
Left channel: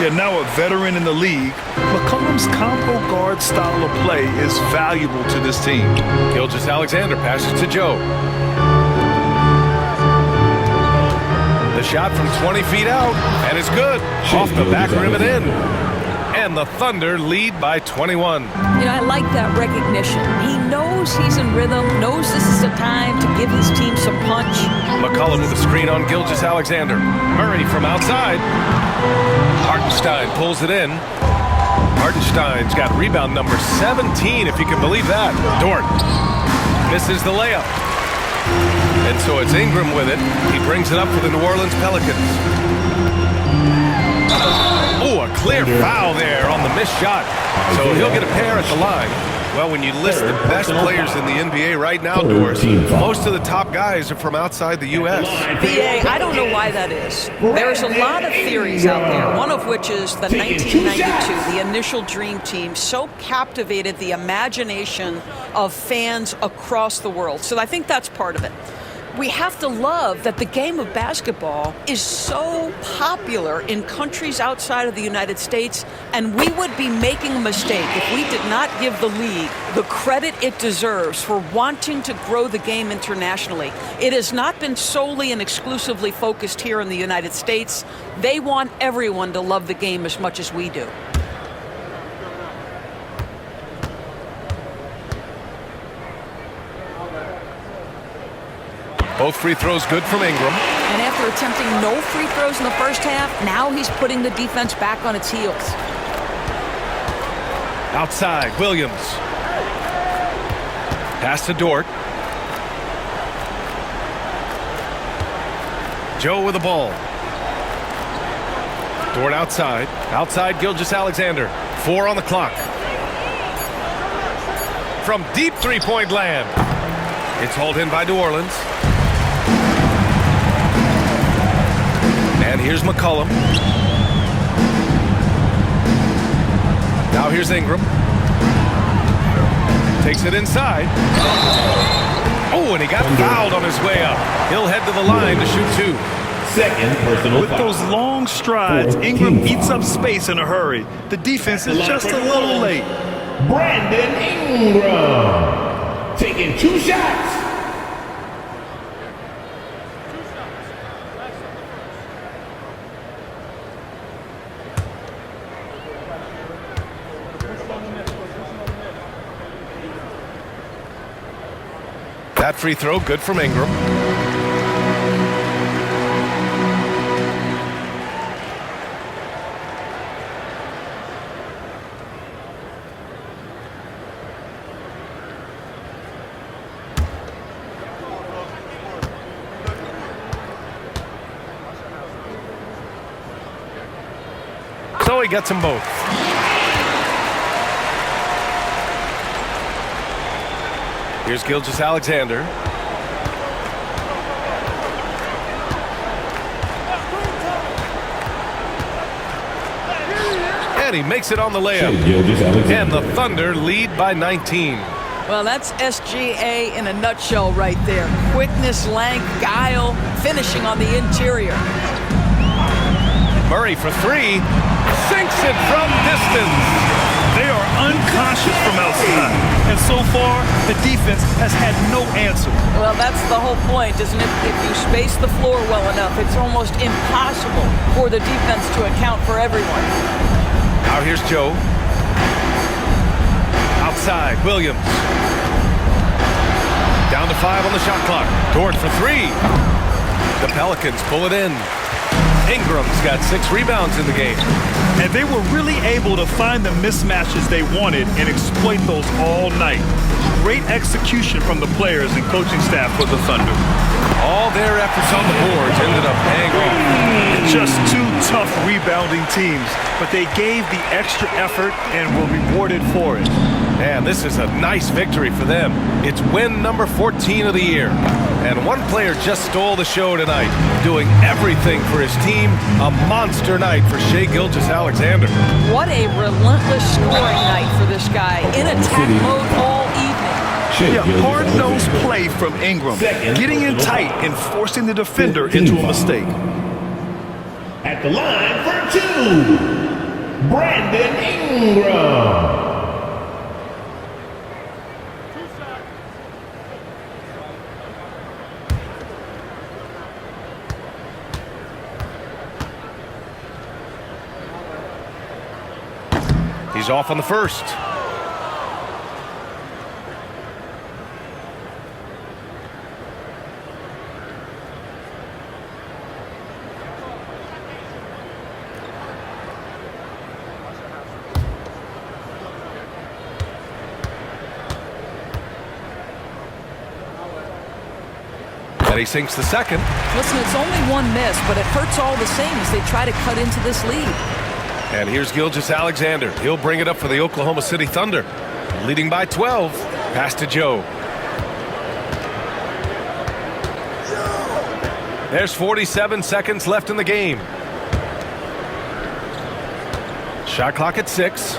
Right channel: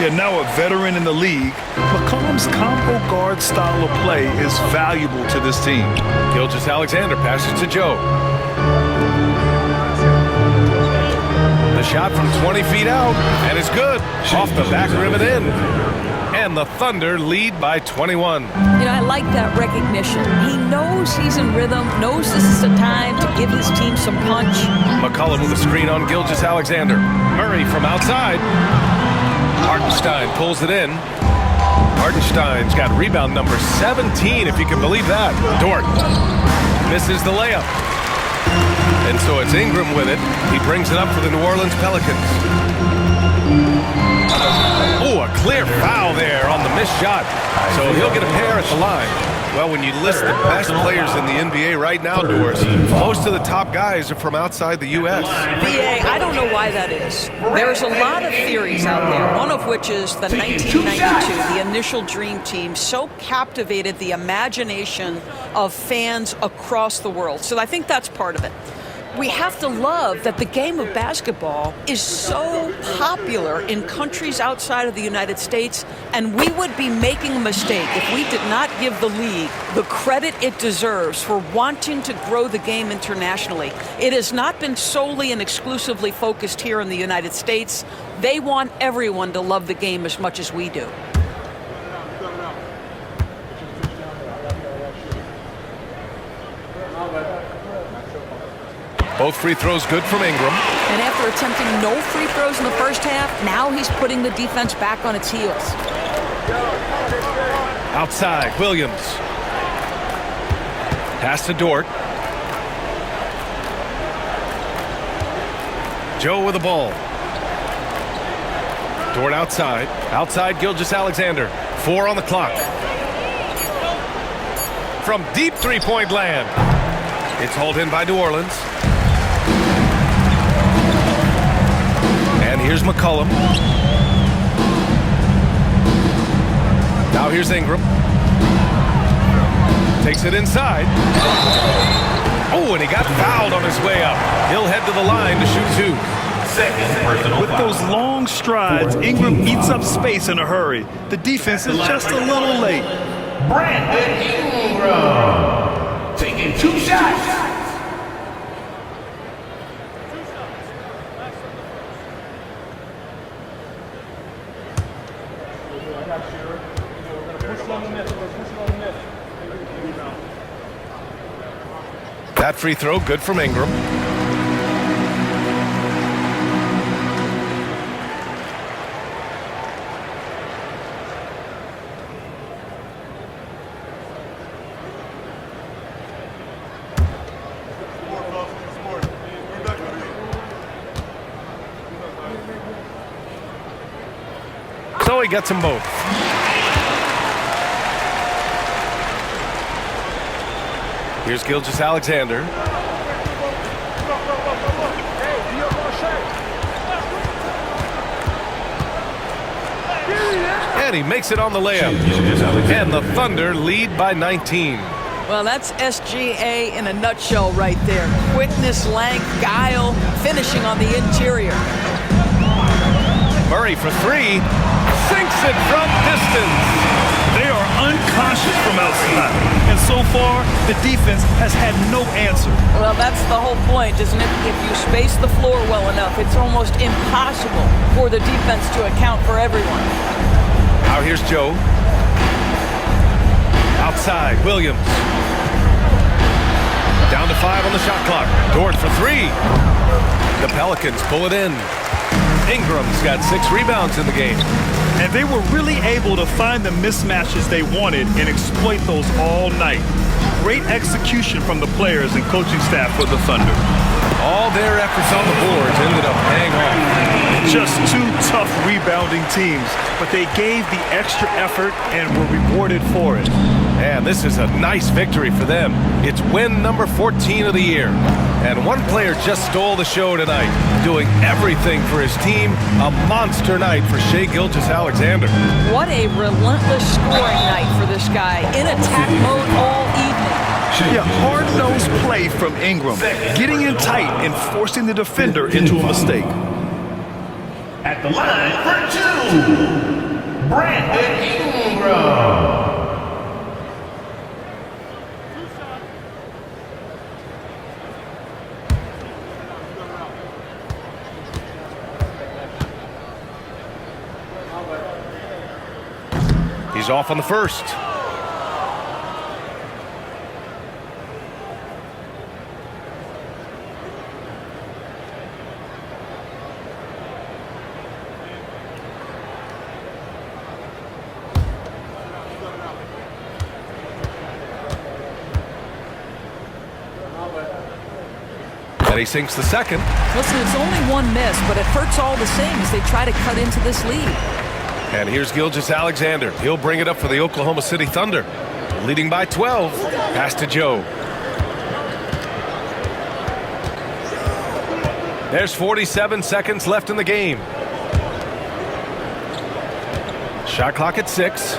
Yeah, now a veteran in the league, McCollum's combo guard style of play is valuable to this team. Gilgeous-Alexander passes to Joe. The shot from 20 feet out, and it's good. Off the back rim and in. And the Thunder lead by 21. You know, I like that recognition. He knows he's in rhythm, knows this is the time to give his team some punch. McCollum with a screen on Gilgeous-Alexander. Murray from outside. Hartenstein pulls it in. Hartenstein's got rebound number 17, if you can believe that. Dort misses the layup. And so it's Ingram with it. He brings it up for the New Orleans Pelicans. Oh, a clear foul there on the missed shot. So he'll get a pair at the line. Well, when you list the best players in the NBA right now, Doris, most of the top guys are from outside the U.S. BA, I don't know why that is. There's a lot of theories out there, one of which is the 1992, the initial Dream Team, so captivated the imagination of fans across the world. So I think that's part of it. We have to love that the game of basketball is so popular in countries outside of the United States, and we would be making a mistake if we did not give the league the credit it deserves for wanting to grow the game internationally. It has not been solely and exclusively focused here in the United States. They want everyone to love the game as much as we do. Both free throws good from Ingram. And after attempting no free throws in the first half, now he's putting the defense back on its heels. Outside, Williams. Pass to Dort. Joe with the ball. Dort outside. Outside, Gilgeous-Alexander. 4 on the clock. From deep three-point land. It's hauled in by New Orleans. And here's McCollum. Now here's Ingram. Takes it inside. Oh, and he got fouled on his way up. He'll head to the line to shoot 2. Second personal With foul. those long strides, Ingram eats up space in a hurry. The defense is just a little late. Brandon Ingram taking 2 shots. That free throw good from Ingram. So he gets them both. Here's Gilgeous-Alexander. And he makes it on the layup. And the Thunder lead by 19. Well, that's SGA in a nutshell right there. Quickness, length, guile, finishing on the interior. Murray for 3. Sinks it from distance. They are unconscious from outside, and so far, the defense has had no answer. Well, that's the whole point, isn't it? If you space the floor well enough, it's almost impossible for the defense to account for everyone. Now here's Joe. Outside, Williams. Down to 5 on the shot clock. Dort for 3. The Pelicans pull it in. Ingram's got 6 rebounds in the game. And they were really able to find the mismatches they wanted and exploit those all night. Great execution from the players and coaching staff for the Thunder. All their efforts on the boards ended up paying off. Just 2 tough rebounding teams, but they gave the extra effort and were rewarded for it. And this is a nice victory for them. It's win number 14 of the year. And one player just stole the show tonight, doing everything for his team. A monster night for Shai Gilgeous-Alexander. What a relentless scoring night for this guy. In attack mode all evening. Yeah, hard-nosed play from Ingram, getting in tight and forcing the defender into a mistake. At the line for 2, Brandon Ingram. He's off on the first. And he sinks the second. Listen, it's only 1 miss, but it hurts all the same as they try to cut into this lead. And here's Gilgeous-Alexander. He'll bring it up for the Oklahoma City Thunder. Leading by 12. Pass to Joe. There's 47 seconds left in the game. Shot clock at 6.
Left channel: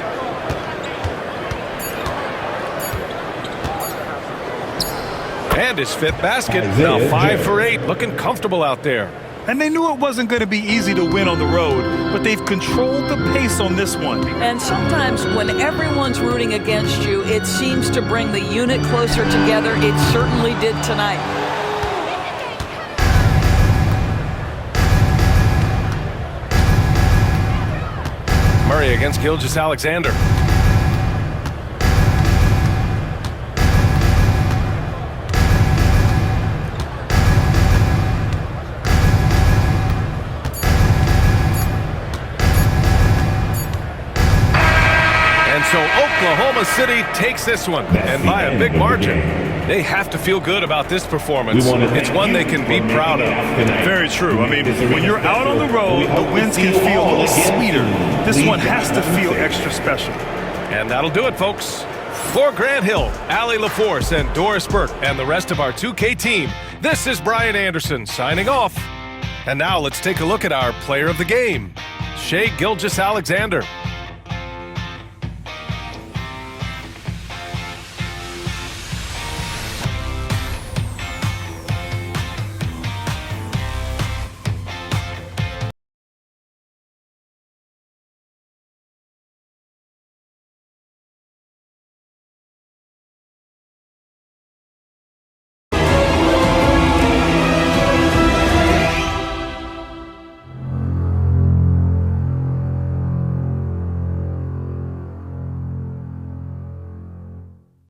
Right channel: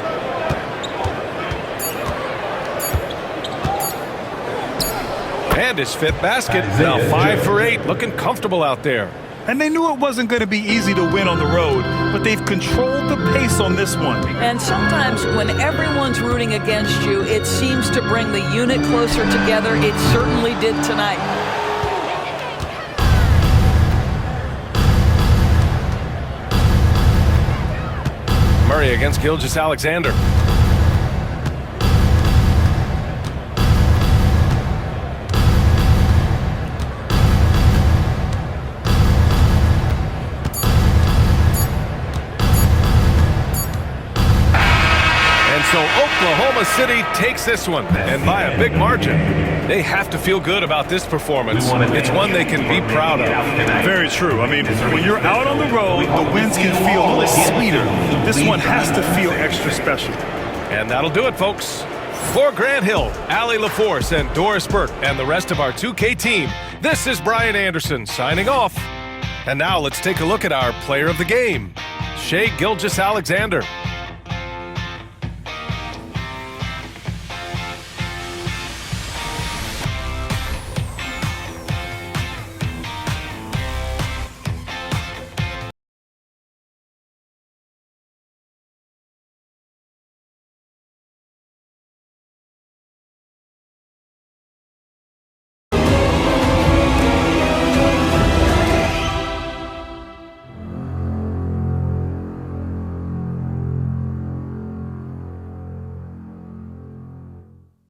And his 5th basket. Now 5 for 8. Looking comfortable out there. And they knew it wasn't going to be easy to win on the road, but they've controlled the pace on this one. And sometimes when everyone's rooting against you, it seems to bring the unit closer together. It certainly did tonight. Murray against Gilgeous-Alexander. And so Oklahoma City takes this one, and by a big margin. They have to feel good about this performance. It's one they can be proud of. Very true. I mean, when you're out on the road, the wins can feel a little sweeter. This one has to feel extra special. And that'll do it, folks. For Grant Hill, Allie LaForce, and Doris Burke, and the rest of our 2K team, this is Brian Anderson signing off. And now let's take a look at our player of the game, Shai Gilgeous-Alexander.